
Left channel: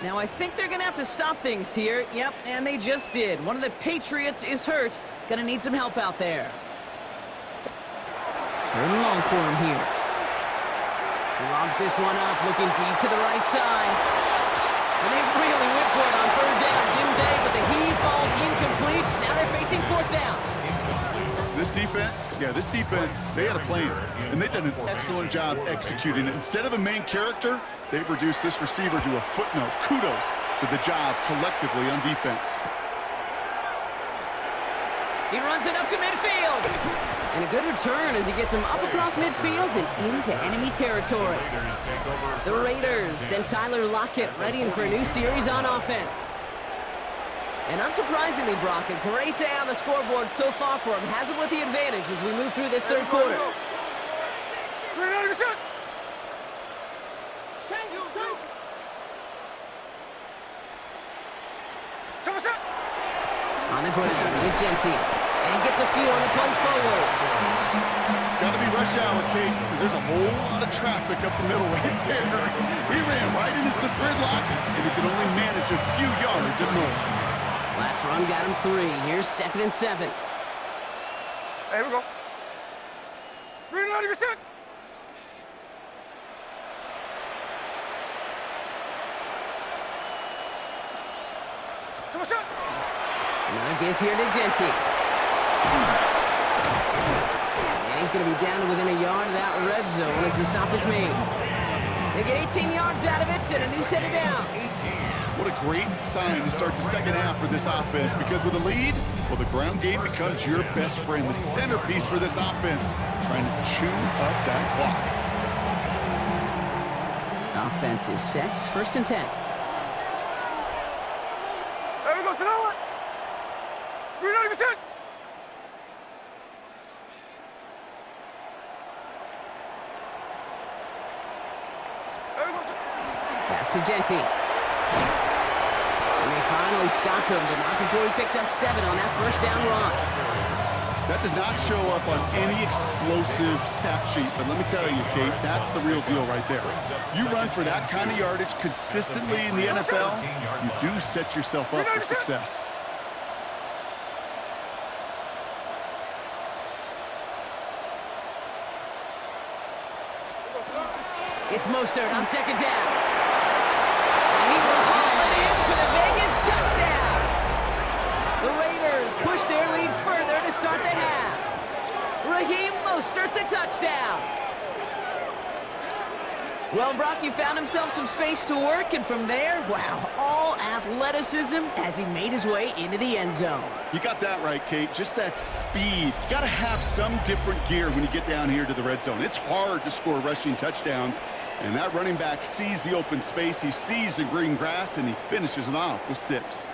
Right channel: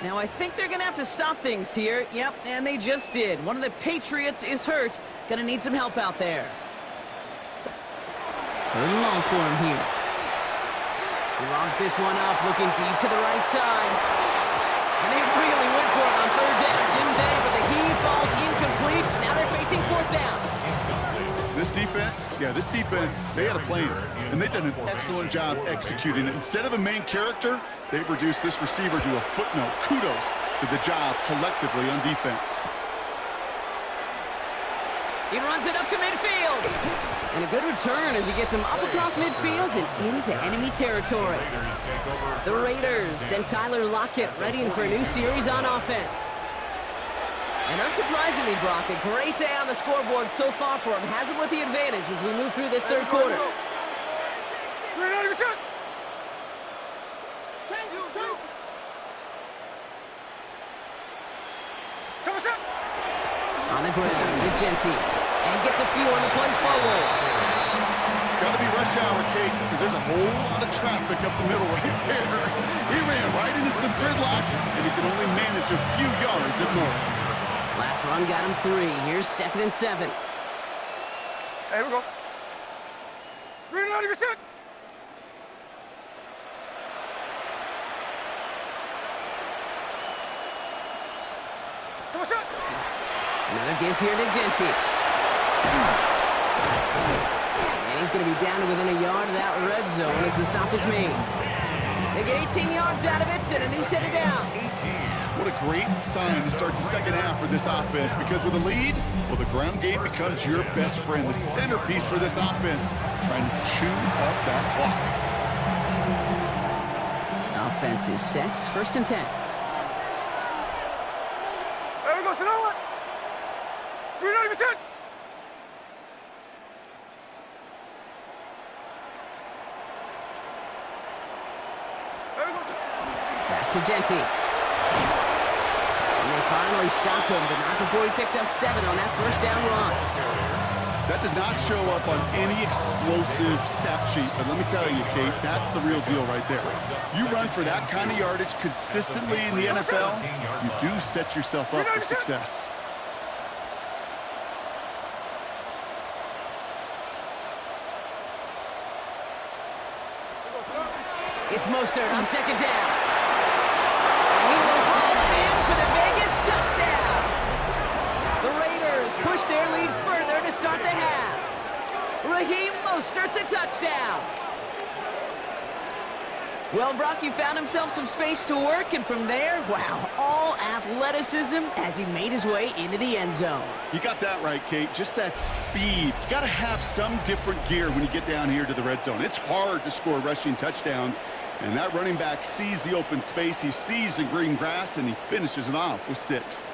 Now, I think they're going to have to stop things here. Yep, and they just did. One of the Patriots is hurt. Going to need some help out there. Third and long for him here. He lobs this one up, looking deep to the right side. And they really went for it on third down, didn't they? But the heave falls incomplete. Now they're facing fourth down. This defense, they had a plan, and they've done an excellent job executing it. Instead of a main character, they've reduced this receiver to a footnote. Kudos to the job collectively on defense. He runs it up to midfield. And a good return as he gets him up across midfield and into enemy territory. The Raiders and Tyler Lockett ready for a new series on offense. And unsurprisingly, Brock, a great day on the scoreboard so far for him. Has him with the advantage as we move through this third quarter. On the ground with Genty. And he gets a few on the plunge forward. Got to be rush hour, Kate, because there's a whole lot of traffic up the middle right there. He ran right into some gridlock, and he could only manage a few yards at most. Last run got him 3. Here's 2nd and 7. Hey, here we go. Green light, you're set. Come on, shot. Another give here to Genty. And he's going to be down to within a yard of that red zone as the stop is made. They get 18 yards out of it and a new set of downs. What a great sign to start the second half for this offense, because with a lead, well, the ground game becomes your best friend, the centerpiece for this offense, trying to chew up that clock. Offense is set. 1st and 10. There we go, Sonora. Green light, you're set. There we go, Back to Genty. And they finally stop him, but not before he picked up 7 on that 1st down run. That does not show up on any explosive stat sheet, but let me tell you, Kate, that's the real deal right there. You run for that kind of yardage consistently in the NFL, you do set yourself up for success. It's Mostert on 2nd down. And he will haul it in for the Vegas touchdown. The Raiders push their lead further to start the half. Raheem Mostert, the touchdown. Well, Brock, he found himself some space to work, and from there, wow, all athleticism as he made his way into the end zone. You got that right, Kate. Just that speed. You got to have some different gear when you get down here to the red zone. It's hard to score rushing touchdowns, and that running back sees the open space, he sees the green grass, and he finishes it off with 6.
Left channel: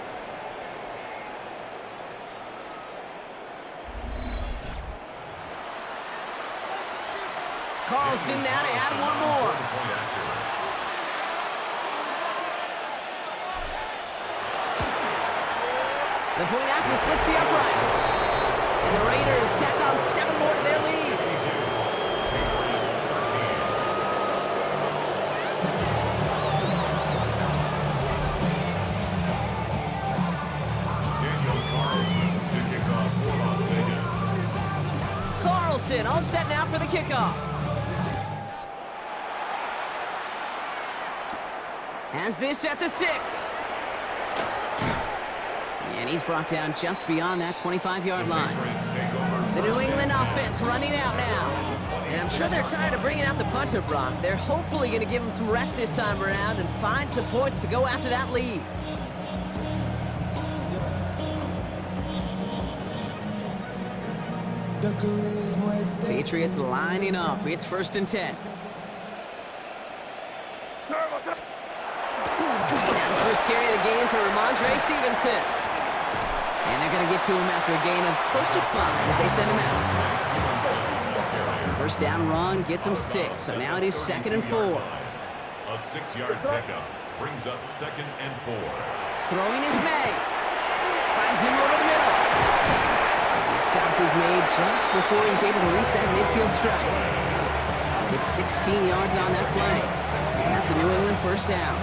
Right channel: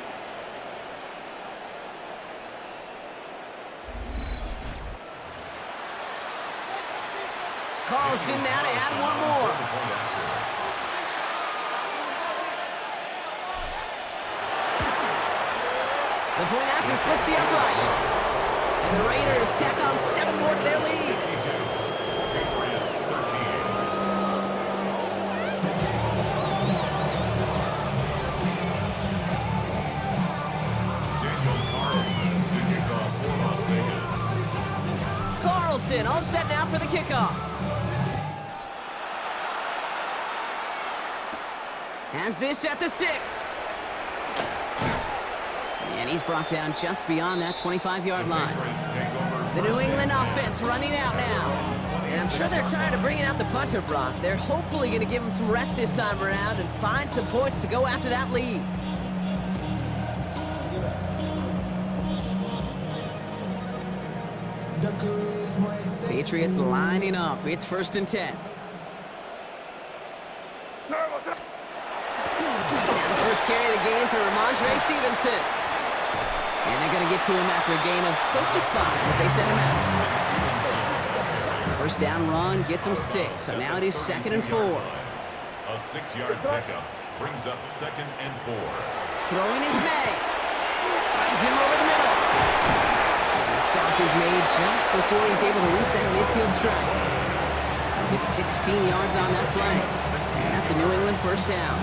Carlson now to add one more. The point after splits the uprights. And the Raiders tack on 7 more to their lead. Patriots 13. Daniel Carlson to kick off for Las Vegas. Carlson all set now for the kickoff. Has this at the 6. And he's brought down just beyond that 25-yard line. The New England offense running out now. And I'm sure they're tired of bringing out the punter, Brock. They're hopefully going to give him some rest this time around and find some points to go after that lead. Patriots lining up. It's 1st and 10. Now the first carry of the game for Ramondre Stevenson. And they're going to get to him after a gain of close to 5 as they send him out. First down run gets him 6, so now it is 2nd and 4. A 6-yard pickup brings up 2nd and 4. Throwing is May. Finds him over the middle. And the stop is made just before he's able to reach that midfield strike. Gets 16 yards on that play. And that's a New England first down.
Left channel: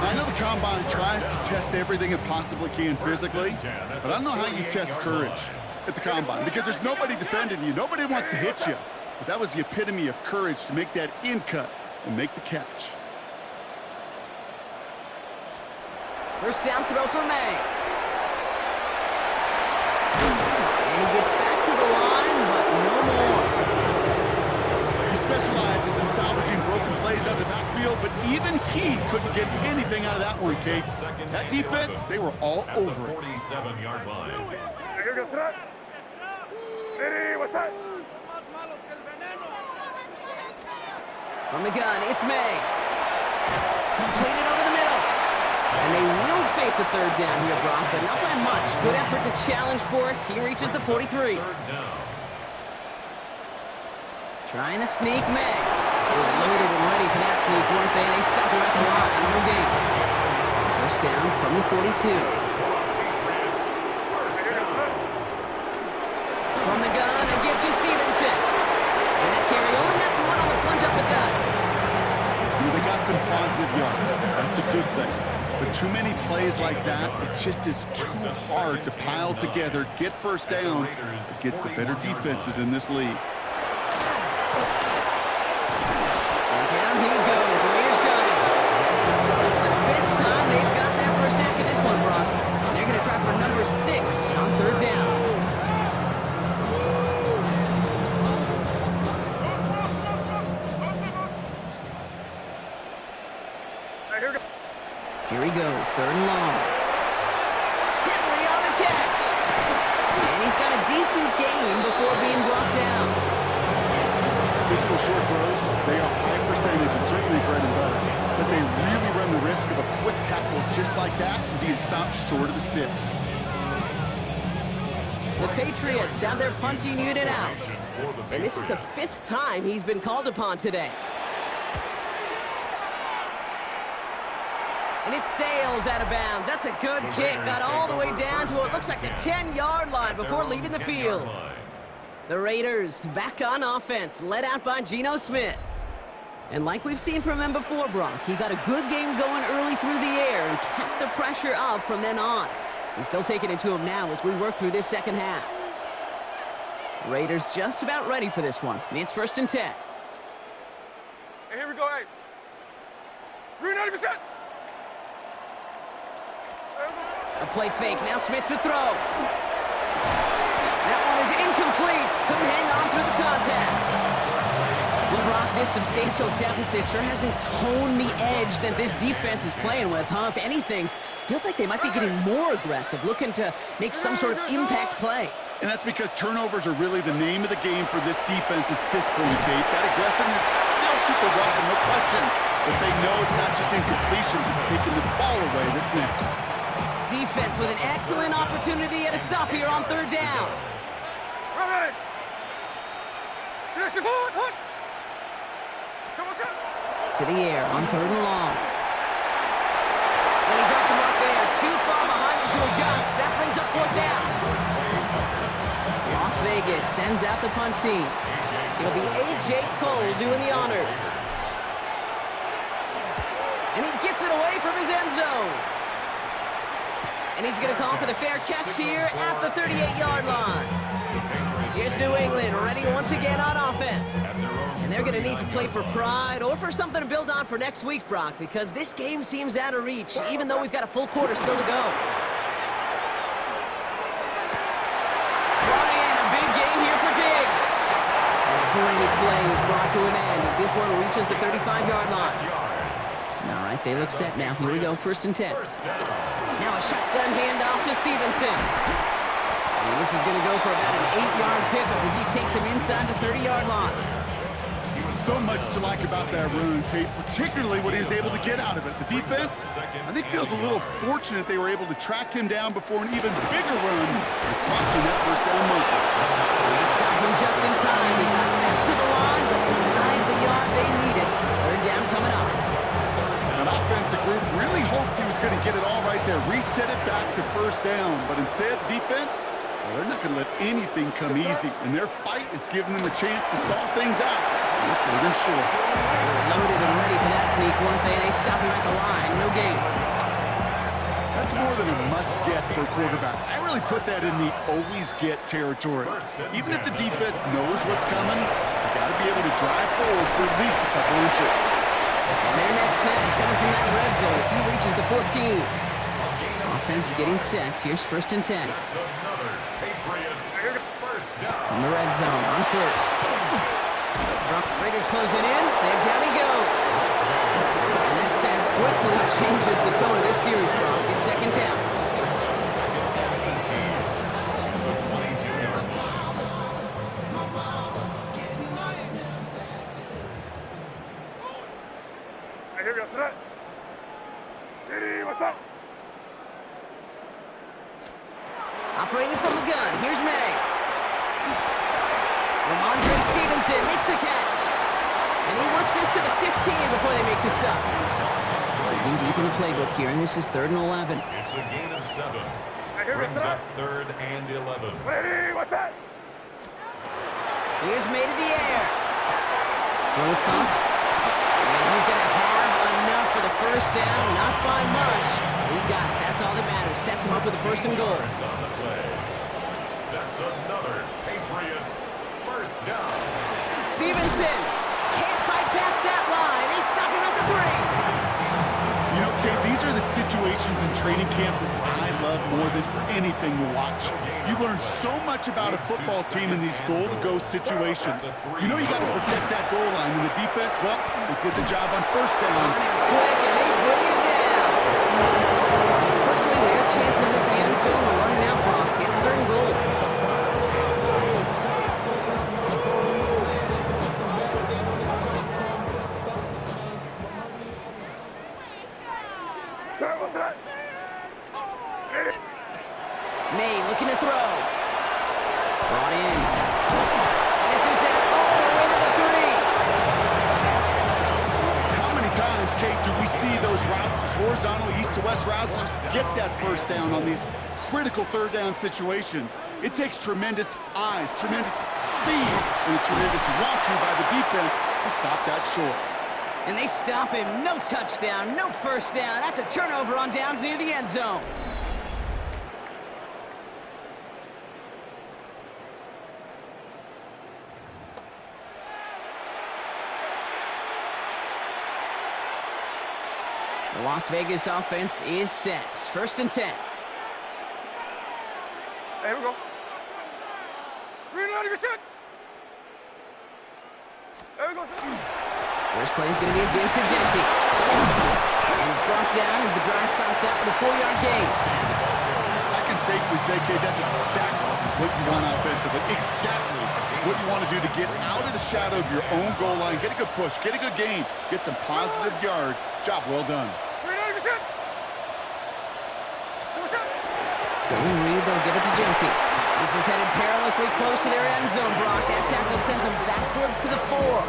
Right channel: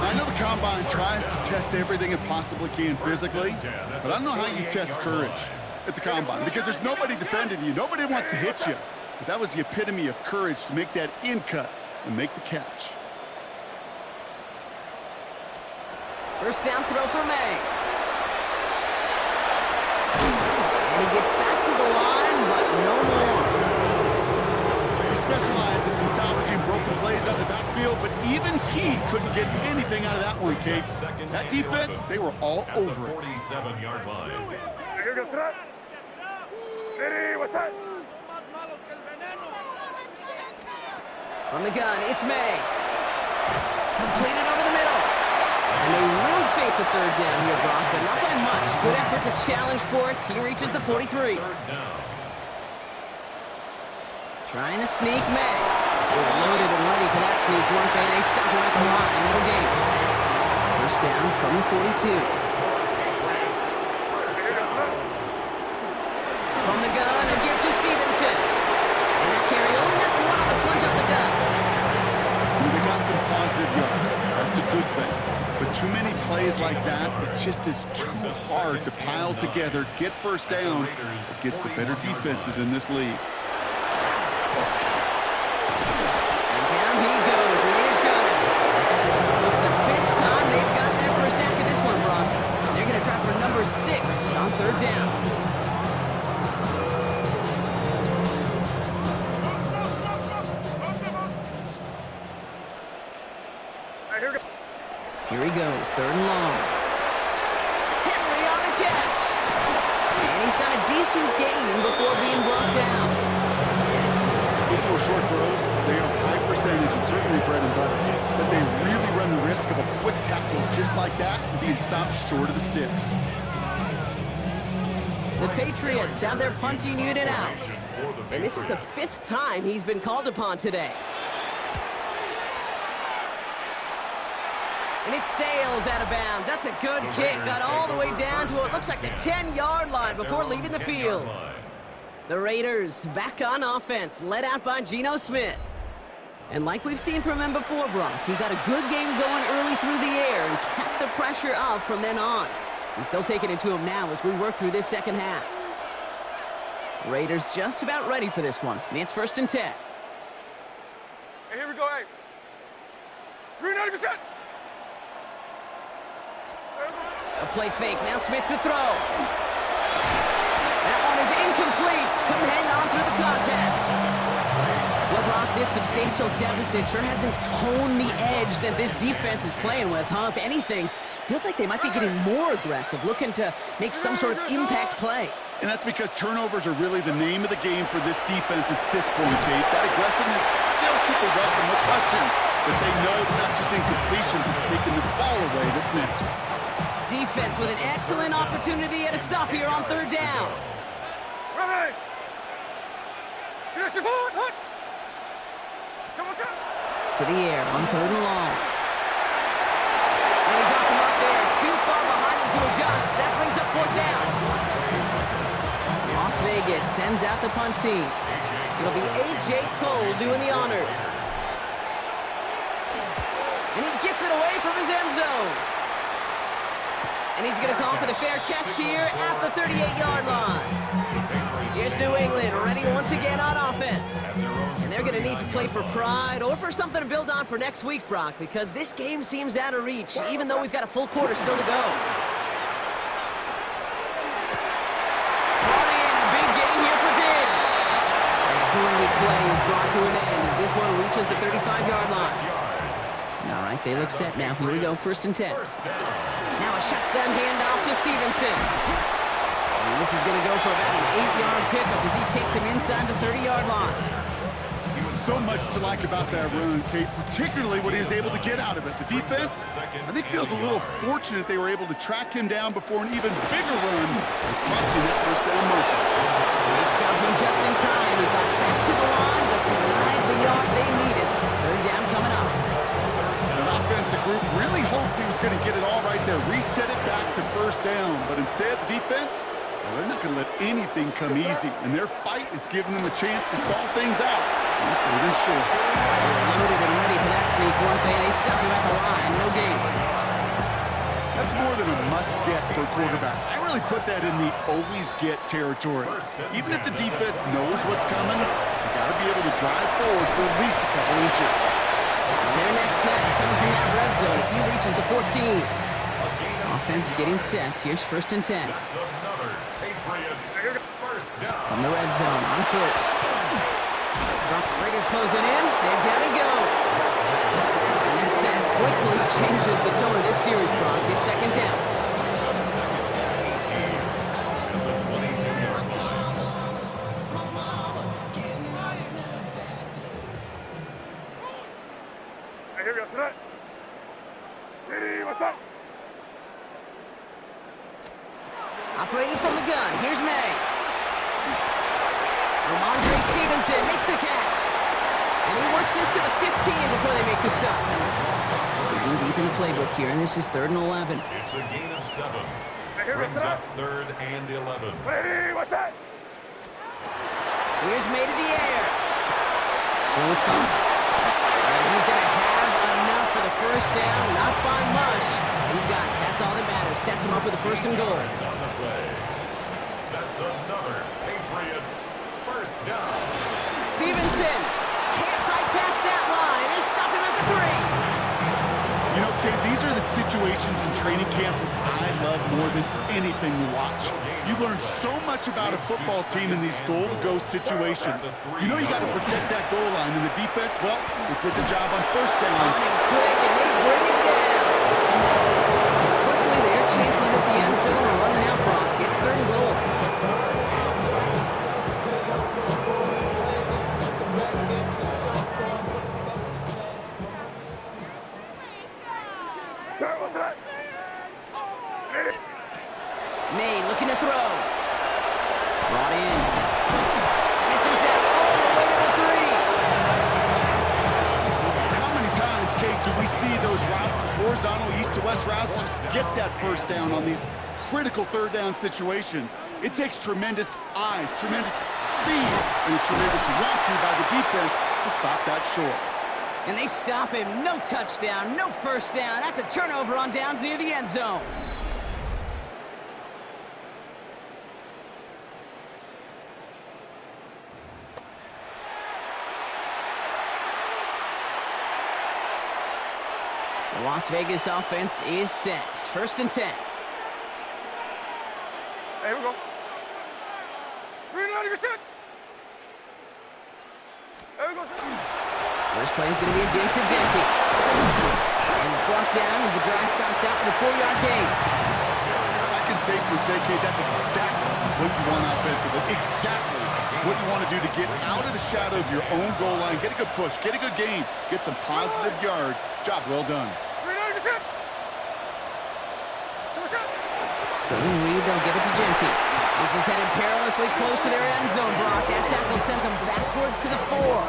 I know the Combine tries to test everything it possibly can physically, but I don't know how you test courage at the Combine, because there's nobody defending you. Nobody wants to hit you. But that was the epitome of courage to make that in cut and make the catch. First down throw for May. And he gets back to the line, but no more. He specializes in salvaging broken plays out of the backfield, but even he couldn't get anything out of that one, Kate. That defense, they were all over it. 47-yard line. Here goes that. Ready, what's that? From the gun, it's May. Completed over the middle. And they will face a 3rd down here, Brock, but not by much. Good effort to challenge for it. He reaches the 43. 3rd down. Trying to sneak May. They were loaded and ready for that sneak, weren't they? They stopped him at the line. No gain. First down from the 42. Patriots first down. From the gun, a gift to Stevenson. And that carry only nets 1 on the plunge up the gut. They got some positive yards. That's a good thing. But too many plays like that, it just is too hard to pile together, get first downs against the better defenses in this league. And down he goes. Raiders got him. It's the 5th time they've gotten their first sack of this one, Brock. And they're going to try for number 6 on 3rd down. Here he goes, 3rd and long. Henry on the catch. And he's got a decent gain before being brought down. These little short throws, they are high percentage and certainly bread and butter. But they really run the risk of a quick tackle just like that and being stopped short of the sticks. The Patriots have their punting unit out. And this is the 5th time he's been called upon today. And it sails out of bounds. That's a good kick. Got all the way down to what looks like the 10-yard line before leaving the field. The Raiders back on offense, led out by Geno Smith. And like we've seen from him before, Brock, he got a good game going early through the air and kept the pressure up from then on. He's still taking it to him now as we work through this second half. Raiders just about ready for this one. It's 1st and 10. Hey, here we go, hey. Green 90%. A play fake. Now Smith to throw. That one is incomplete. Couldn't hang on through the contact. Well, Brock, this substantial deficit sure hasn't toned the edge that this defense is playing with, huh? If anything, feels like they might be getting more aggressive, looking to make some sort of impact play. And that's because turnovers are really the name of the game for this defense at this point, Kate. That aggressiveness still super welcome, no question. But they know it's not just incompletions, it's taking the ball away that's next. Defense with an excellent opportunity at a stop here on 3rd down. Right. To the air on 3rd and long. And he's off the mark there. Too far behind him to adjust. That brings up 4th down. Las Vegas sends out the punt team. It'll be A.J. Cole doing the honors. And he gets it away from his end zone. And he's going to call for the fair catch here at the 38-yard line. Here's New England ready once again on offense. And they're going to need to play for pride or for something to build on for next week, Brock, because this game seems out of reach, even though we've got a full quarter still to go. Brought in a big gain here for Diggs. And a great play is brought to an end as this one reaches the 35-yard line. All right, they look set now. Here we go, 1st and 10. Now a shotgun handoff to Stevenson. And this is going to go for about an 8-yard pickup as he takes him inside the 30-yard line. So much to like about that run, Kate, particularly what he was able to get out of it. The defense, I think, feels a little fortunate they were able to track him down before an even bigger run, crossing that 1st down marker. They stopped him just in time. He got back to the line, but denied the yard they needed. 3rd down coming up. An offensive group really hoped he was going to get it all right there, reset it back to 1st down. But instead, the defense, well, they're not going to let anything come easy. And their fight is giving them a chance to stall things out. 3rd and short. They were loaded and ready for that sneak, weren't they? They stopped him at the line. No gain. That's more than a must-get for a quarterback. I really put that in the always-get territory. Even if the defense knows what's coming, you got to be able to drive forward for at least a couple inches. And their next snap is coming from that red zone as he reaches the 14. Offense getting set. Here's 1st and 10. That's another Patriots 1st down. From the red zone on 1st. Raiders closing in. There down he goes. And that sack quickly changes the tone of this series, Brock. It's 2nd down. Brings up 2nd and 18 at the 22-yard line. Hey, here we go. Sit up. Ready, what's up? Operating from the gun. Here's May. Ramondre Stevenson makes the catch. And he works this to the 15 before they make the stop. Digging deep in the playbook here, and this is 3rd and 11. It's a gain of 7. Hey, here we go. Brings Sit up up. 3rd and 11. Ready, what's that? Here's May to the air. Rose caught. And he's going to have enough for the first down, not by much. He got it. That's all that matters. Sets him up with a 1st and goal. On the play. That's another Patriots first down. Stevenson can't fight past that line. They stop him at the 3. You know, Kate, these are the situations in training camp that I love more than anything to watch. You learn so much about a football team in these goal-to-go situations. You know you got to protect that goal line, and the defense, well, they did the job on 1st down. On him quick, and they bring it down. Quickly, their chances at the end zone are running out, Brock. It's 3rd and goal. May looking to throw. Brought in. And this is down all the way to the 3. How many times, Kate, do we see those routes, those horizontal east-to-west routes, just get that 1st down on these critical 3rd down situations? It takes tremendous eyes, tremendous speed, and a tremendous want-to by the defense to stop that short. And they stop him. No touchdown, no 1st down. That's a turnover on downs near the end zone. The Las Vegas offense is set. 1st and 10. Here we go. Green light, you're set. There we go, set. First play is going to be a give to Genty. And he's brought down as the drive starts out with a 4-yard gain. I can safely say, Kate, that's exactly what you want offensively. Exactly what you want to do to get out of the shadow of your own goal line, get a good push, get a good gain, get some positive yards. Job well done. So Reed, they'll give it to Genty. This is headed perilously close to their end zone, Brock. That tackle sends them backwards to the 4.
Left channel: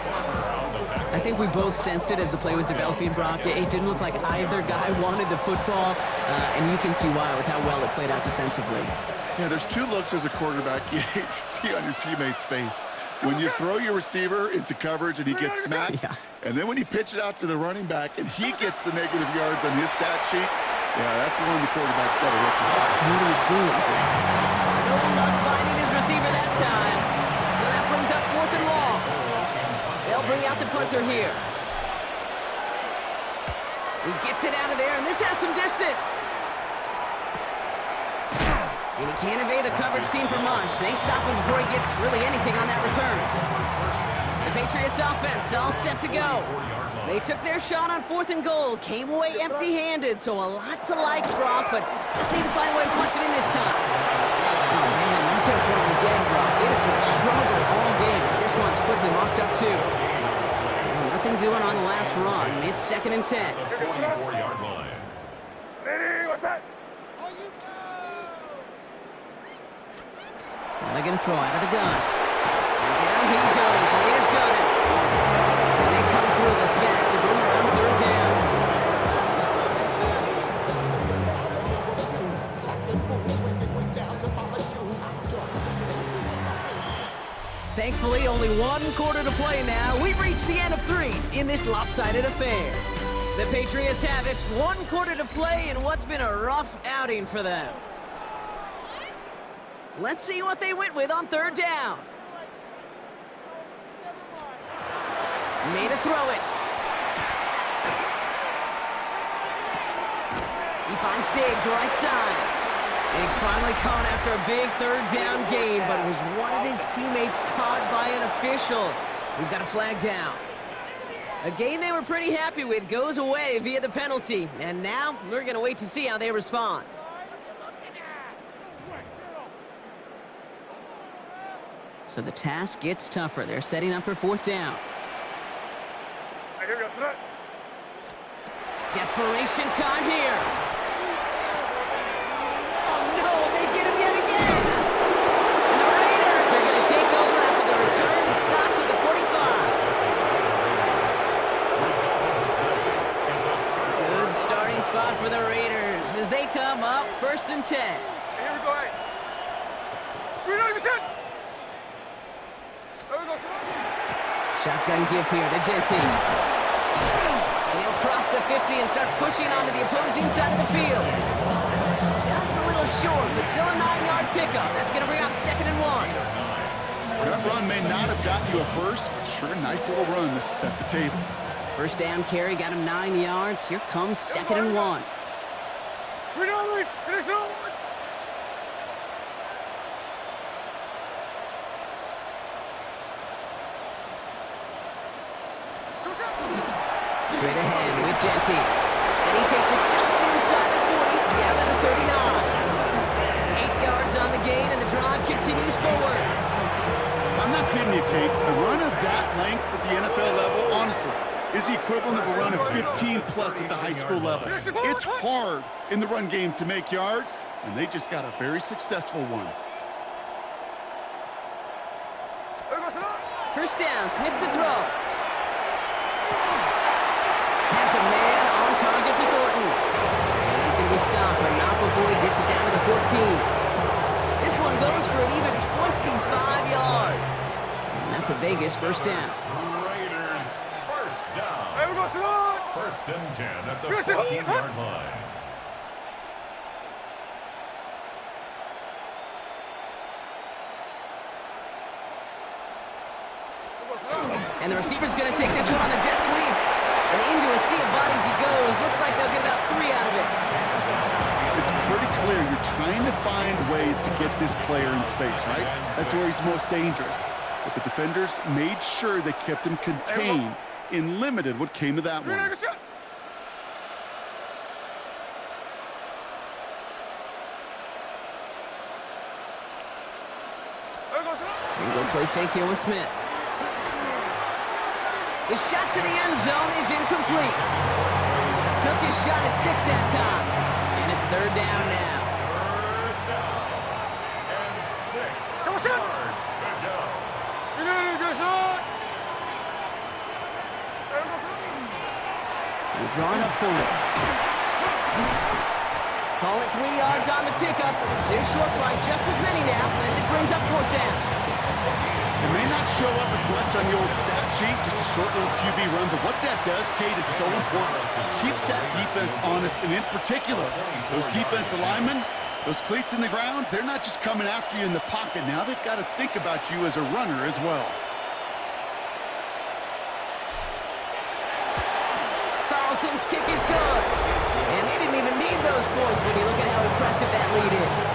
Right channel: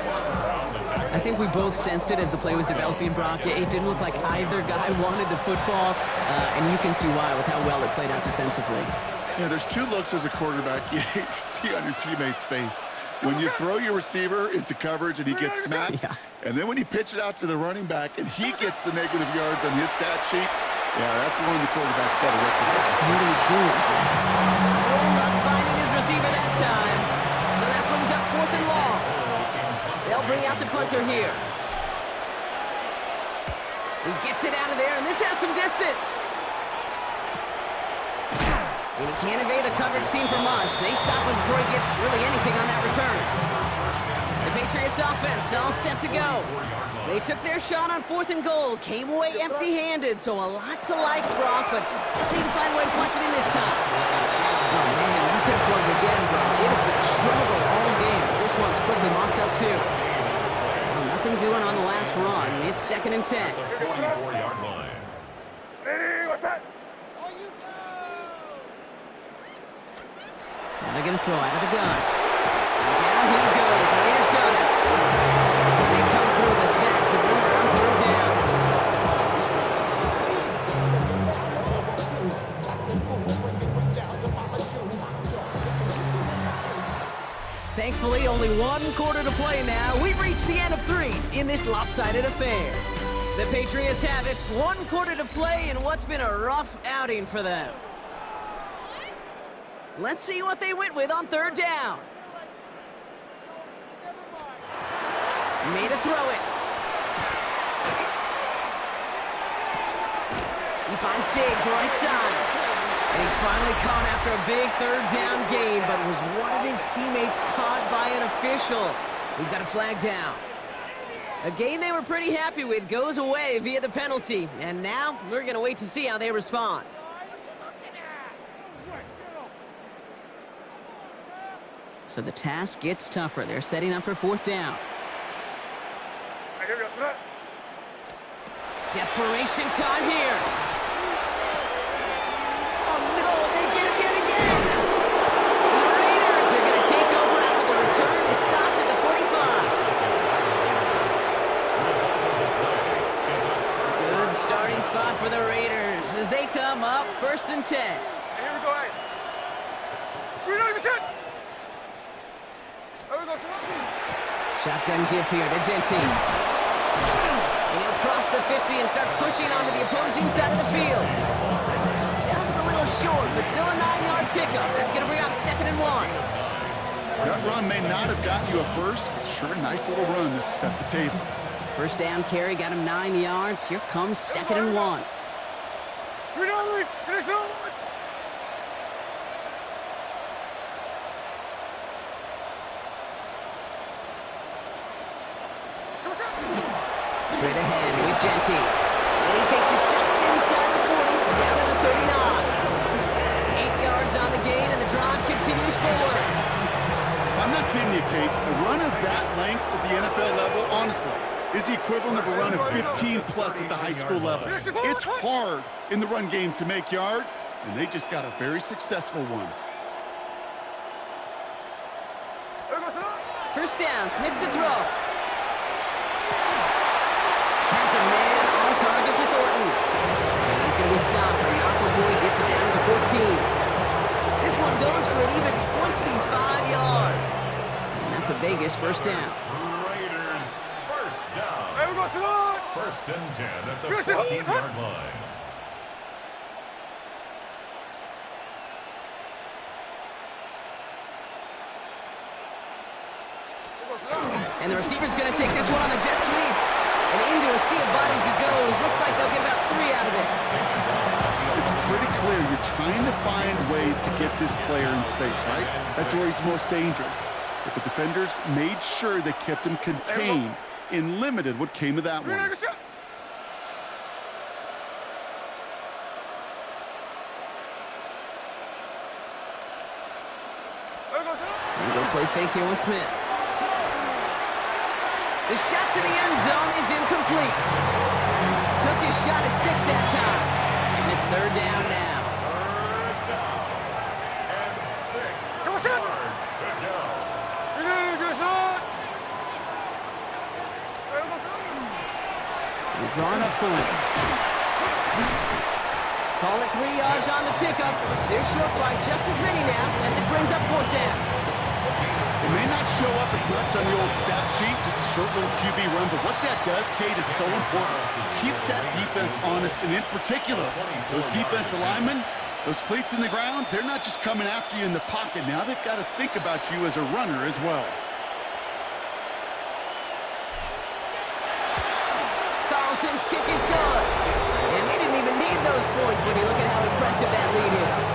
I think we both sensed it as the play was developing, Brock. It didn't look like either guy wanted the football, and you can see why with how well it played out defensively. Yeah, there's 2 looks as a quarterback you hate to see on your teammate's face. When you throw your receiver into coverage and he gets smacked, and then when you pitch it out to the running back and he gets the negative yards on his stat sheet, yeah, that's one the quarterback's got to rectify. What are you doing? No luck finding his receiver that time. So that brings up 4th and long. They'll bring out the punter here. He gets it out of there, and this has some distance. And he can't evade the coverage team for much. They stop him before he gets really anything on that return. The Patriots offense all set to go. They took their shot on 4th and goal, came away empty-handed, so a lot to like, Brock, but just need to find a way to punch it in this time. Oh, man, nothing for him again, Brock. It has been a struggle all game as this one's quickly mocked up, too. Well, nothing doing on the last run. It's 2nd and 10. 44-yard line. Ready, what's that? Now they're going to throw out of the gun. And down he goes. Raiders got him. And they come through the sack to bring around 3rd down. Thankfully, only 1 quarter to play now. We've reached the end of 3 in this lopsided affair. The Patriots have it. 1 quarter to play in what's been a rough outing for them. Let's see what they went with on 3rd down. Made a throw it. He finds Diggs right side. And he's finally caught after a big 3rd down gain, but was one of his teammates caught by an official. We've got a flag down. A game they were pretty happy with goes away via the penalty. And now we're going to wait to see how they respond. So the task gets tougher. They're setting up for 4th down. Desperation time here. Oh no, they get him yet again. And the Raiders are going to take over after the return is stopped at the 45. Good starting spot for the Raiders as they come up 1st and 10. Here we go, hey. We're not even set. There we go, set. Shotgun give here to Genty. And he'll cross the 50 and start pushing onto the opposing side of the field. Just a little short, but still a 9-yard pickup. That's going to bring up 2nd and 1. That run may not have gotten you a first, but sure a nice little run to set the table. First down carry got him 9 yards. Here comes 2nd and 1. Straight ahead with Genty. And he takes it just inside the 40, down to the 39. 8 yards on the gain, and the drive continues forward. I'm not kidding you, Kate. A run of that length at the NFL level, honestly, is the equivalent of a run of 15-plus at the high school level. It's hard in the run game to make yards, and they just got a very successful one. First down, Smith to throw. Has a man on target to Thornton. And he's going to be stopped, but not before he gets it down to the 14. This one goes for an even 25 yards. And that's a Vegas first down. Raiders, first down. First and 10 at the 14-yard line. And the receiver's going to take this one on the jet sweep. And into a sea of bodies he goes. Looks like they'll get about 3 out of it. It's pretty clear you're trying to find ways to get this player in space, right? That's where he's most dangerous. But the defenders made sure they kept him contained and limited what came of that one. And go play fake here with Smith. The shot to the end zone is incomplete. Took his shot at 6 that time. And it's 3rd down now. 3rd down. And 6 yards to go. We're drawing up for it. Call it 3 yards on the pickup. They're short by just as many now as it brings up 4th down. It may not show up as much on the old stat sheet, just a short little QB run, but what that does, Kate, is so important. Keeps that defense honest, and in particular, those defensive linemen, those cleats in the ground, they're not just coming after you in the pocket. Now they've got to think about you as a runner as well. Carlson's kick is good. And they didn't even need those points when you look at how impressive that lead is.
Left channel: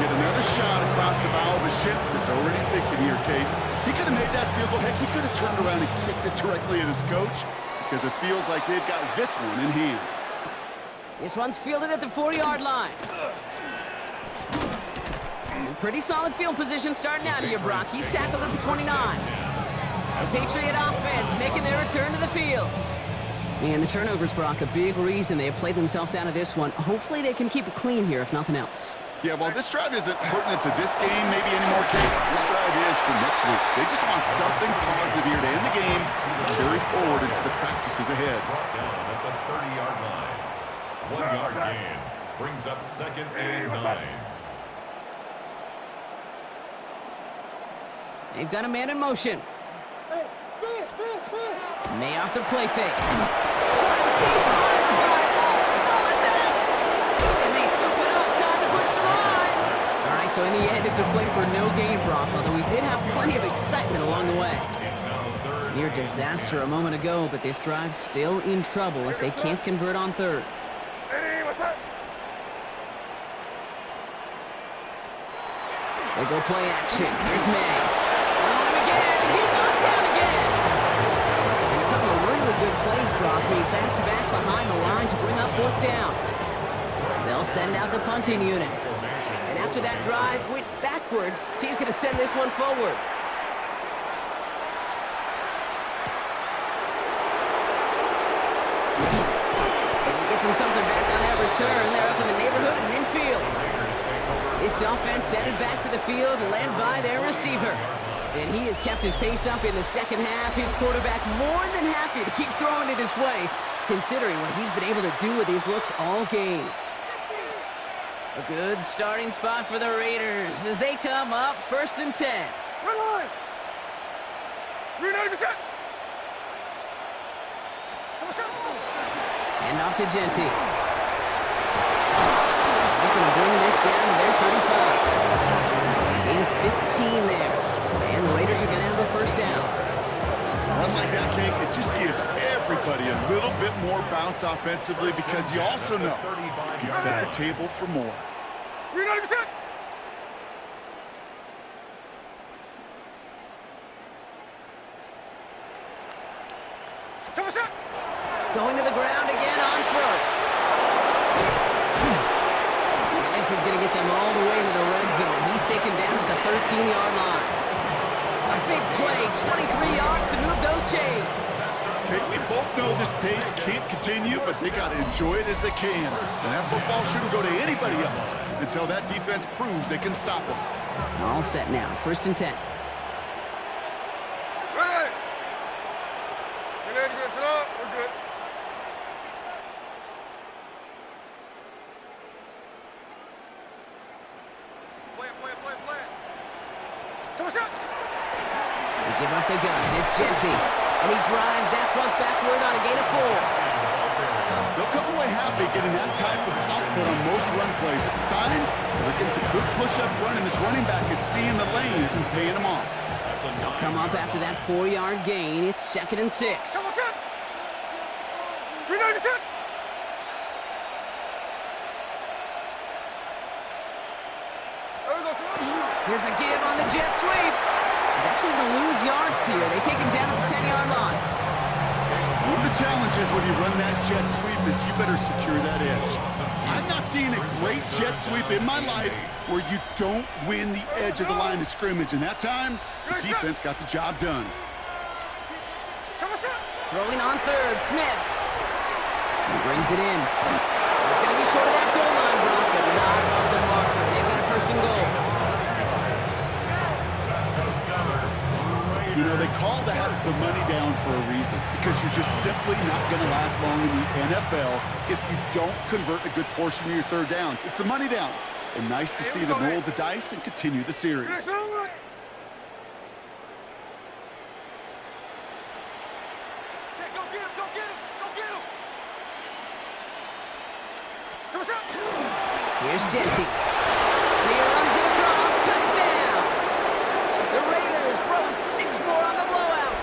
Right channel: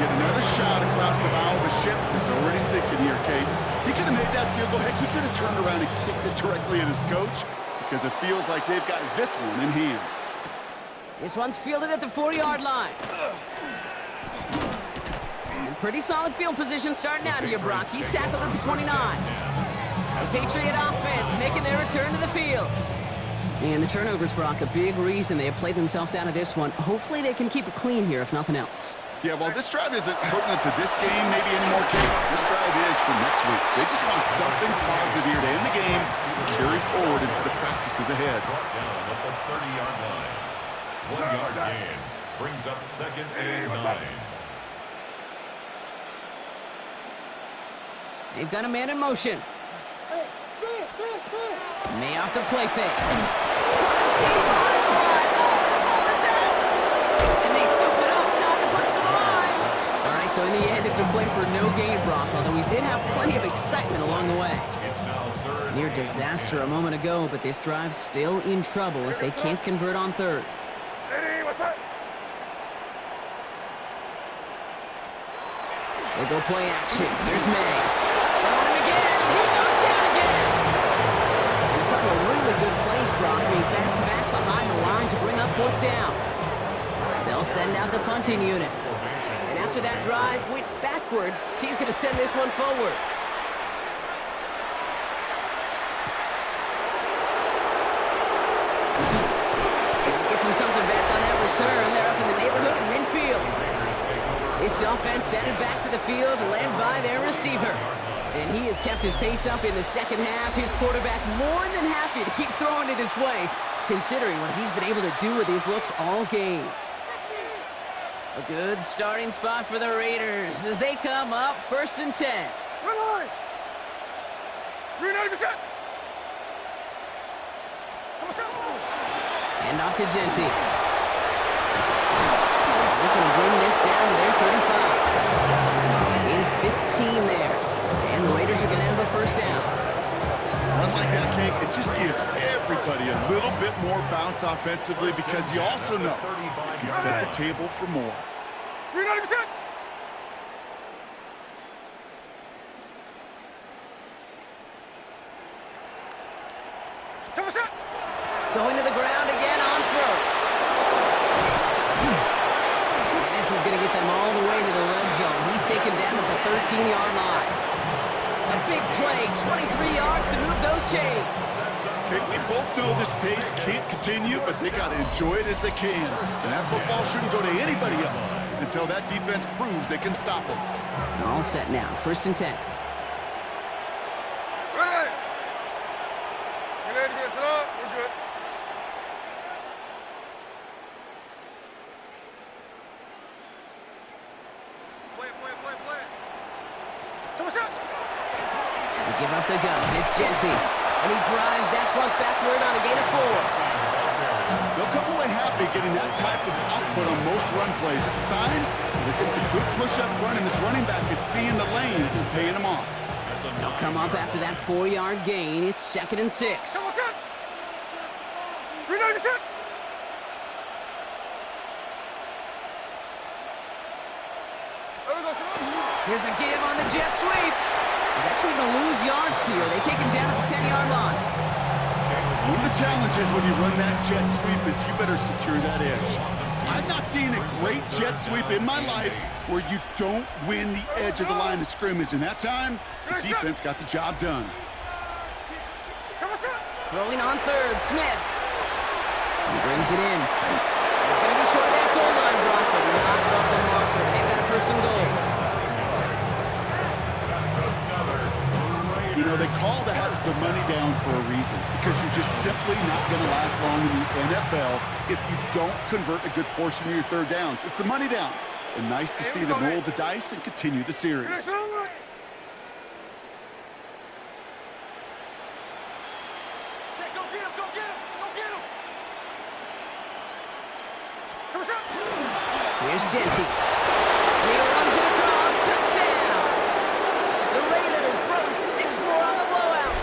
Get another shot across the bow of a ship that's already sinking here, Kate. He could have made that field goal. Heck, he could have turned around and kicked it directly at his coach because it feels like they've got this one in hand. This one's fielded at the 4-yard line. And pretty solid field position starting out here, Brock. He's tackled at the 29. The Patriot offense making their return to the field. And the turnovers, Brock, a big reason they have played themselves out of this one. Hopefully they can keep it clean here, if nothing else. Yeah, well, this drive isn't pertinent to this game maybe anymore, Kate. This drive is for next week. They just want something positive here to end the game and carry forward into the practices ahead. Brought down at the 30-yard line. 1-yard gain brings up 2nd and 9. They've got a man in motion. May off the play fake. Caught him deep behind the line. Oh, the ball is out! And they scoop it up. Time to push for the line. All right, so in the end, it's a play for no gain, Brock, although we did have plenty of excitement along the way. Near disaster a moment ago, but this drive's still in trouble if they can't convert on 3rd. They go play action. Here's May. They're on him again, and he goes down again. And a couple of really good plays, Brock, made back-to-back behind the line to bring up 4th down. They'll send out the punting unit. And after that drive went backwards, he's going to send this one forward. And he gets him something back on that return. They're up in the neighborhood of midfield. This offense headed back to the field, led by their receiver. And he has kept his pace up in the second half. His quarterback more than happy to keep throwing it his way, considering what he's been able to do with his looks all game. A good starting spot for the Raiders as they come up 1st and 10. Run line. 390%. Come Hand off to Genty. He's going to bring this down to their 35. Gain of 15 there. And the Raiders are going to have a first down. A run like that, Kate, it just gives everybody a little bit more bounce offensively because you also know you can set the table for more. Green light, set. Going to the ground again on first. And this is going to get them all the way into the red zone. He's taken down at the 13-yard line. A big play, 23 yards to move those chains. Okay, we both know this pace can't continue, but they got to enjoy it as they can. And that football shouldn't go to anybody else until that defense proves they can stop them. All set now, 1st and 10. Ready. Get ready to get set up. We're good. Play it. They give up the guns. It's Genty. And he drives that front backward on a gain of 4. They'll come away happy getting that type of output on most run plays. It's a sign that they're getting some good push up front, and this running back is seeing the lanes and paying them off. They'll come up after that 4-yard gain. It's 2nd and 6. Green light, set. There we go, Here's a give on the jet sweep. He's actually going to lose yards here. They take him down at the 10-yard line. One of the challenges when you run that jet sweep is you better secure that edge. I've not seen a great jet sweep in my life where you don't win the edge of the line of scrimmage. And that time, the defense got the job done. Throwing on 3rd, Smith. He brings it in. He's going to be short of that goal line, Brock, but not of the marker. They've got a 1st and goal. You know, they call that the money down for a reason, because you're just simply not going to last long in the NFL if you don't convert a good portion of your 3rd downs. It's the money down. And nice to see them roll the dice and continue the series. Here's Genty. And he runs it across. Touchdown! The Raiders throwing 6 more on the blowout.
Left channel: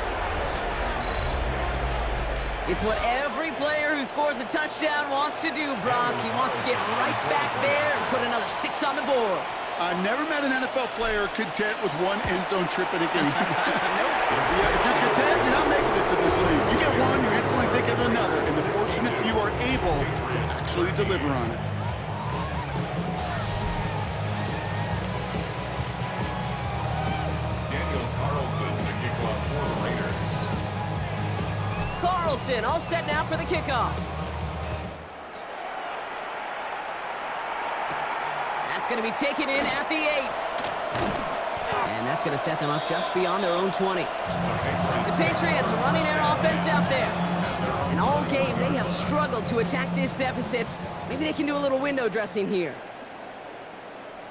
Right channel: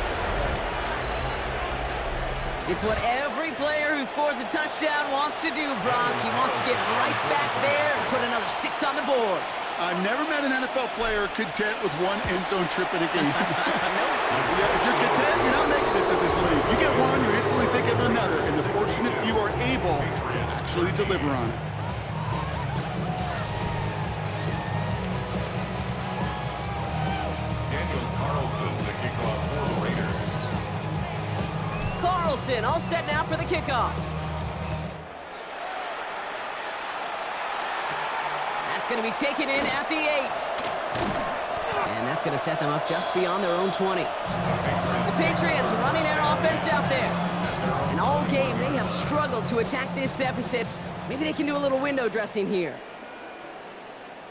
It's what every player who scores a touchdown wants to do, Brock. He wants to get right back there and put another 6 on the board. I've never met an NFL player content with one end zone trip in a game. Nope. If you're content, you're not making it to this league. You get one, you're instantly thinking of another, and the fortunate few are able to actually deliver on it. Carlson, all set now for the kickoff. That's going to be taken in at the 8. And that's going to set them up just beyond their own 20. The Patriots running their offense out there. And all game, they have struggled to attack this deficit. Maybe they can do a little window dressing here.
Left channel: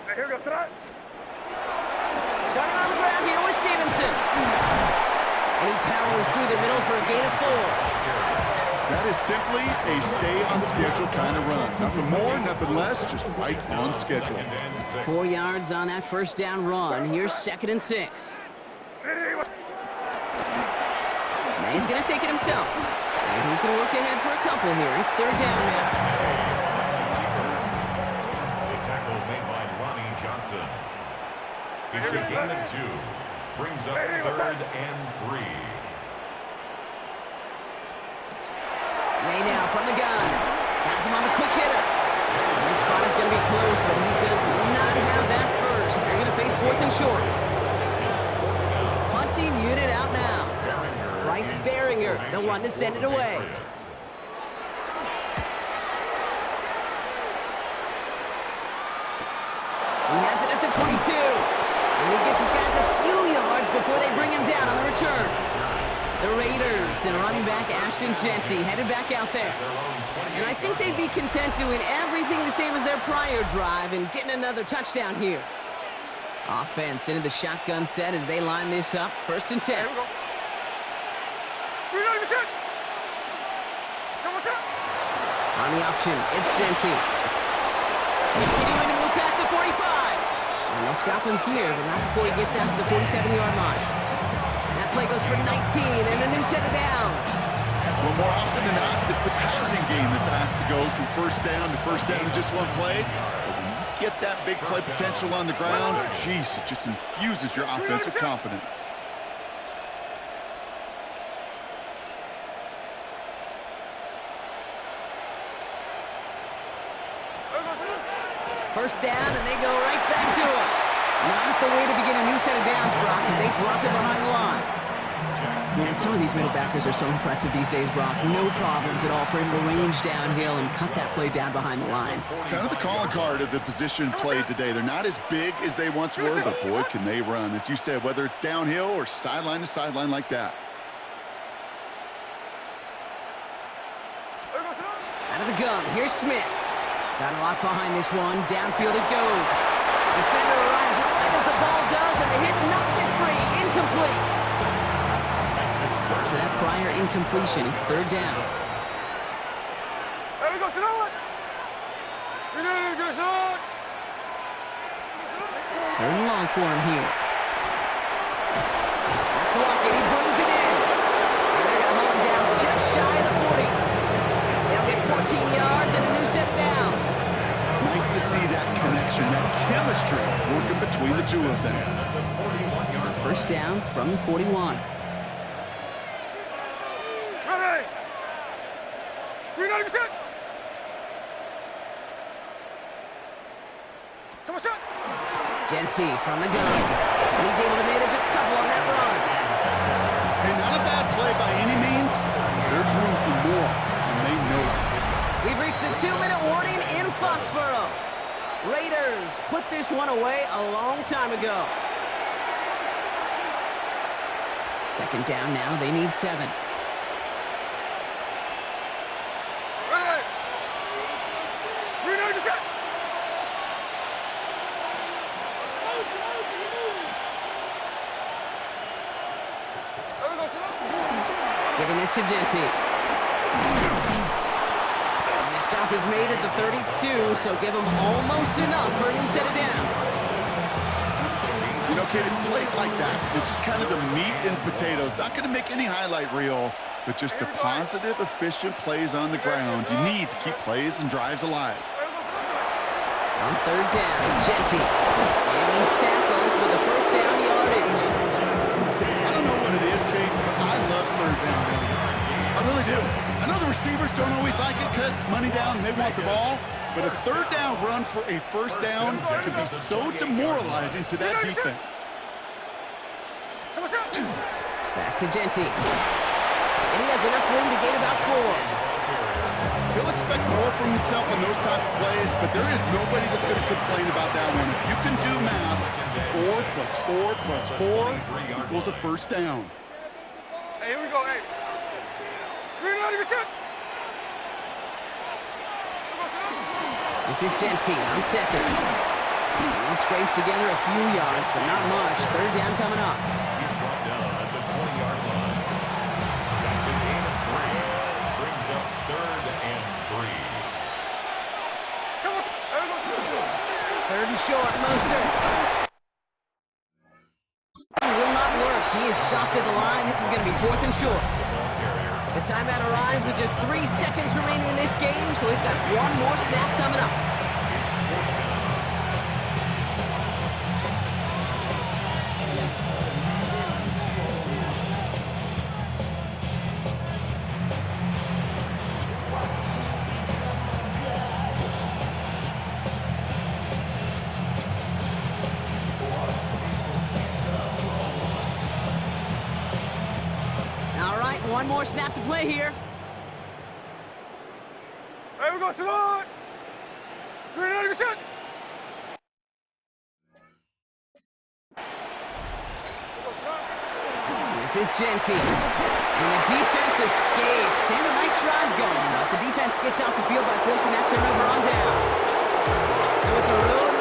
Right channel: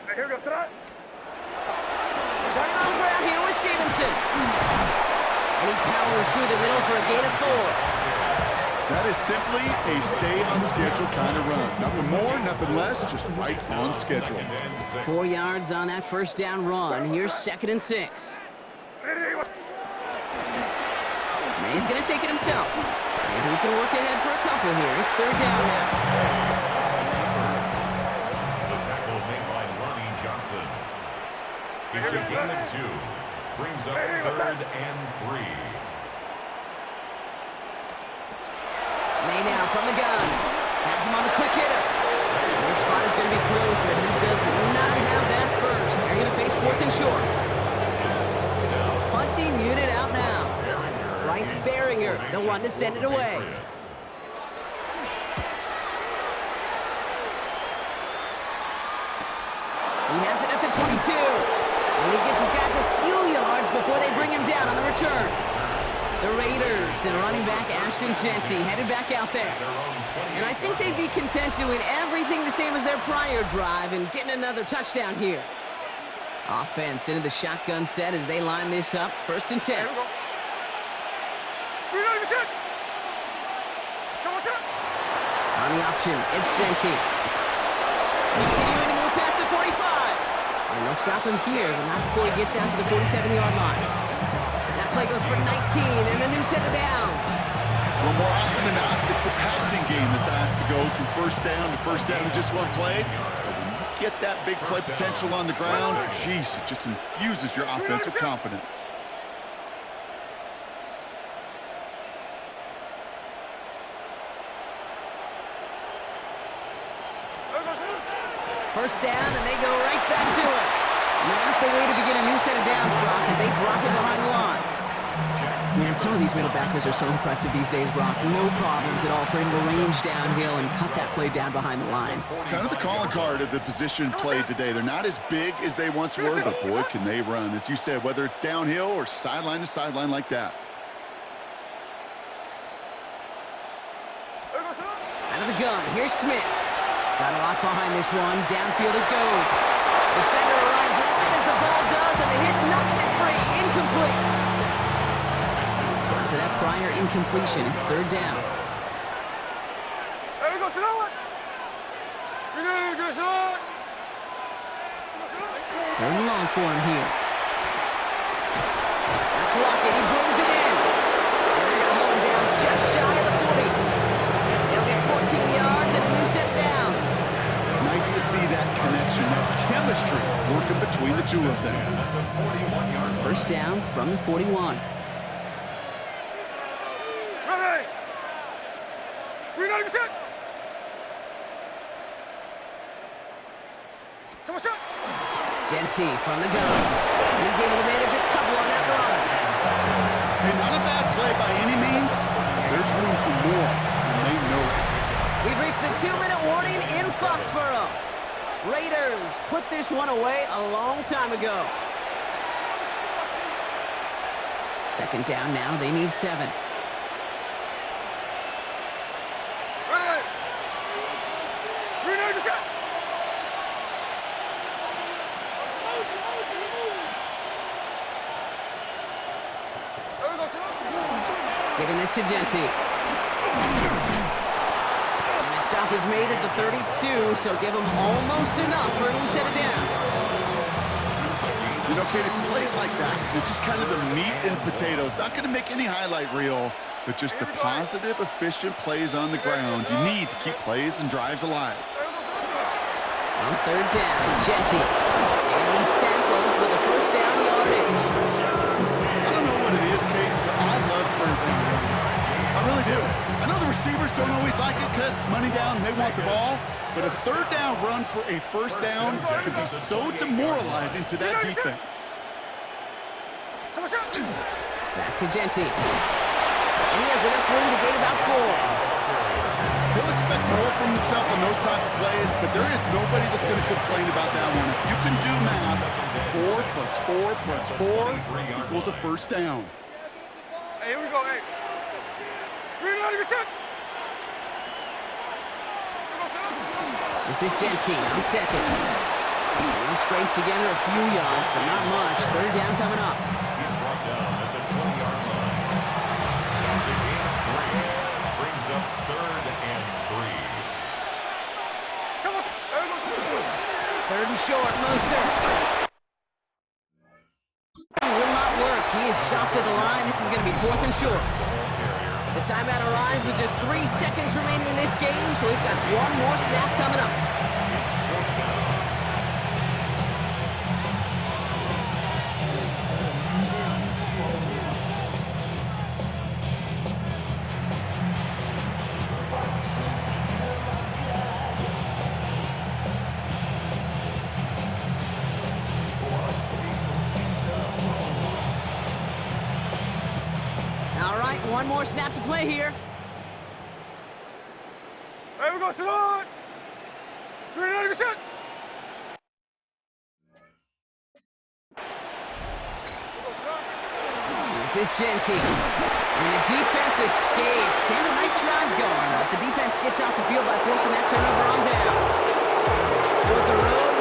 Hey, here goes tonight. Starting on the ground here with Stevenson. And he powers through the middle for a gain of 4. That is simply a stay-on-schedule kind of run. Nothing more, nothing less, just right on schedule. 4 yards on that 1st down run. Here's 2nd and 6. May's going to take it himself. And he's going to work ahead for a couple here. It's 3rd down now. The tackle made by Lonnie Johnson. It's a gain of 2. Brings up 3rd and 3. May now from the gun. Has him on the quick hitter. This spot is going to be close, but he does not have that first. They're going to face 4th and short. Punting unit out now. Bryce Baringer, the one to send it away. He has it at the 22. And he gets his guys a few yards before they bring him down on the return. The Raiders and running back Ashton Genty headed back out there. And I think they'd be content doing everything the same as their prior drive and getting another touchdown here. Offense into the shotgun set as they line this up. 1st and 10. Here we go. Green light, set. On the option, it's Genti. Continuing to move past the 45. And they'll stop him here, but not before he gets out to the 47-yard line. That play goes for 19 and a new set of downs. Well, more often than not, it's the passing game that's asked to go from first down in just one play. But when you get that big play potential on the ground, geez, it just infuses your offense with confidence. First down, and they go right back to it. Not the way to begin a new set of downs, Brock, as they drop it behind the line. Man, some of these middle backers are so impressive these days, Brock. No problems at all for him to range downhill and cut that play down behind the line. Kind of the calling card of the position played today. They're not as big as they once were, but boy, can they run. As you said, whether it's downhill or sideline to sideline like that. Out of the gun, here's Smith. Got a lot behind this one. Downfield it goes. Defender arrives right as the ball does, and the hit knocks it free. Incomplete. So after that prior incompletion, it's third down. There we go, Sonora. We need to get a shot. Third and long for him here. That's Lockett. He brings it in. And they're going to hold him down just shy of the 40. They'll get 14 yards and a new set of downs. Nice to see that connection, that chemistry working between the two of them. First down from the 41. Ready. Green light, set. Come on, shot. Genti from the gun. And he's able to manage a couple on that run. Hey, not a bad play by any means. There's room for more, and they know it. We've reached the 2-minute warning in Foxborough. Raiders put this one away a long time ago. Second down now. They need 7. Ready. Green light, set. There we go, Sonora. Giving this to Genti. And the stop is made at the 32, so give them almost enough for a new set of downs. You know, kid, it's plays like that. It's just kind of the meat and potatoes. Not going to make any highlight reel, but just the positive, efficient plays on the ground. You need to keep plays and drives alive. On third down, Genti. And he's tackled with a first down yardage. I don't know what it is, Kate, but I love third down runs. I really do. I know the receivers don't always like it because money down and they want the ball, but a third down run for a first down can be so demoralizing to that defense. Back to Genti. And he has enough room to gain about 4. He'll expect more from himself in those type of plays, but there is nobody that's going to complain about that one. If you can do math, 4 plus 4 plus 4 equals a first down. Hey, here we go, hey. Green light, set. This is Genti on second. He'll scrape together a few yards, but not much. Third down coming up. He's brought down at the 20-yard line. That's a gain of 3. Brings up 3rd and 3. Third and short, Mostert. Will not work. He is stopped at the line. This is going to be 4th and short. The timeout arrives with just 3 seconds remaining in this game, so we've got one more snap coming up. It's 4th down. All right, one more snap to play here. There we go, Sonora. Green light, set. This is Genti. And the defense escapes. They have a nice drive going, but the defense gets off the field by forcing that turnover on downs. So it's a road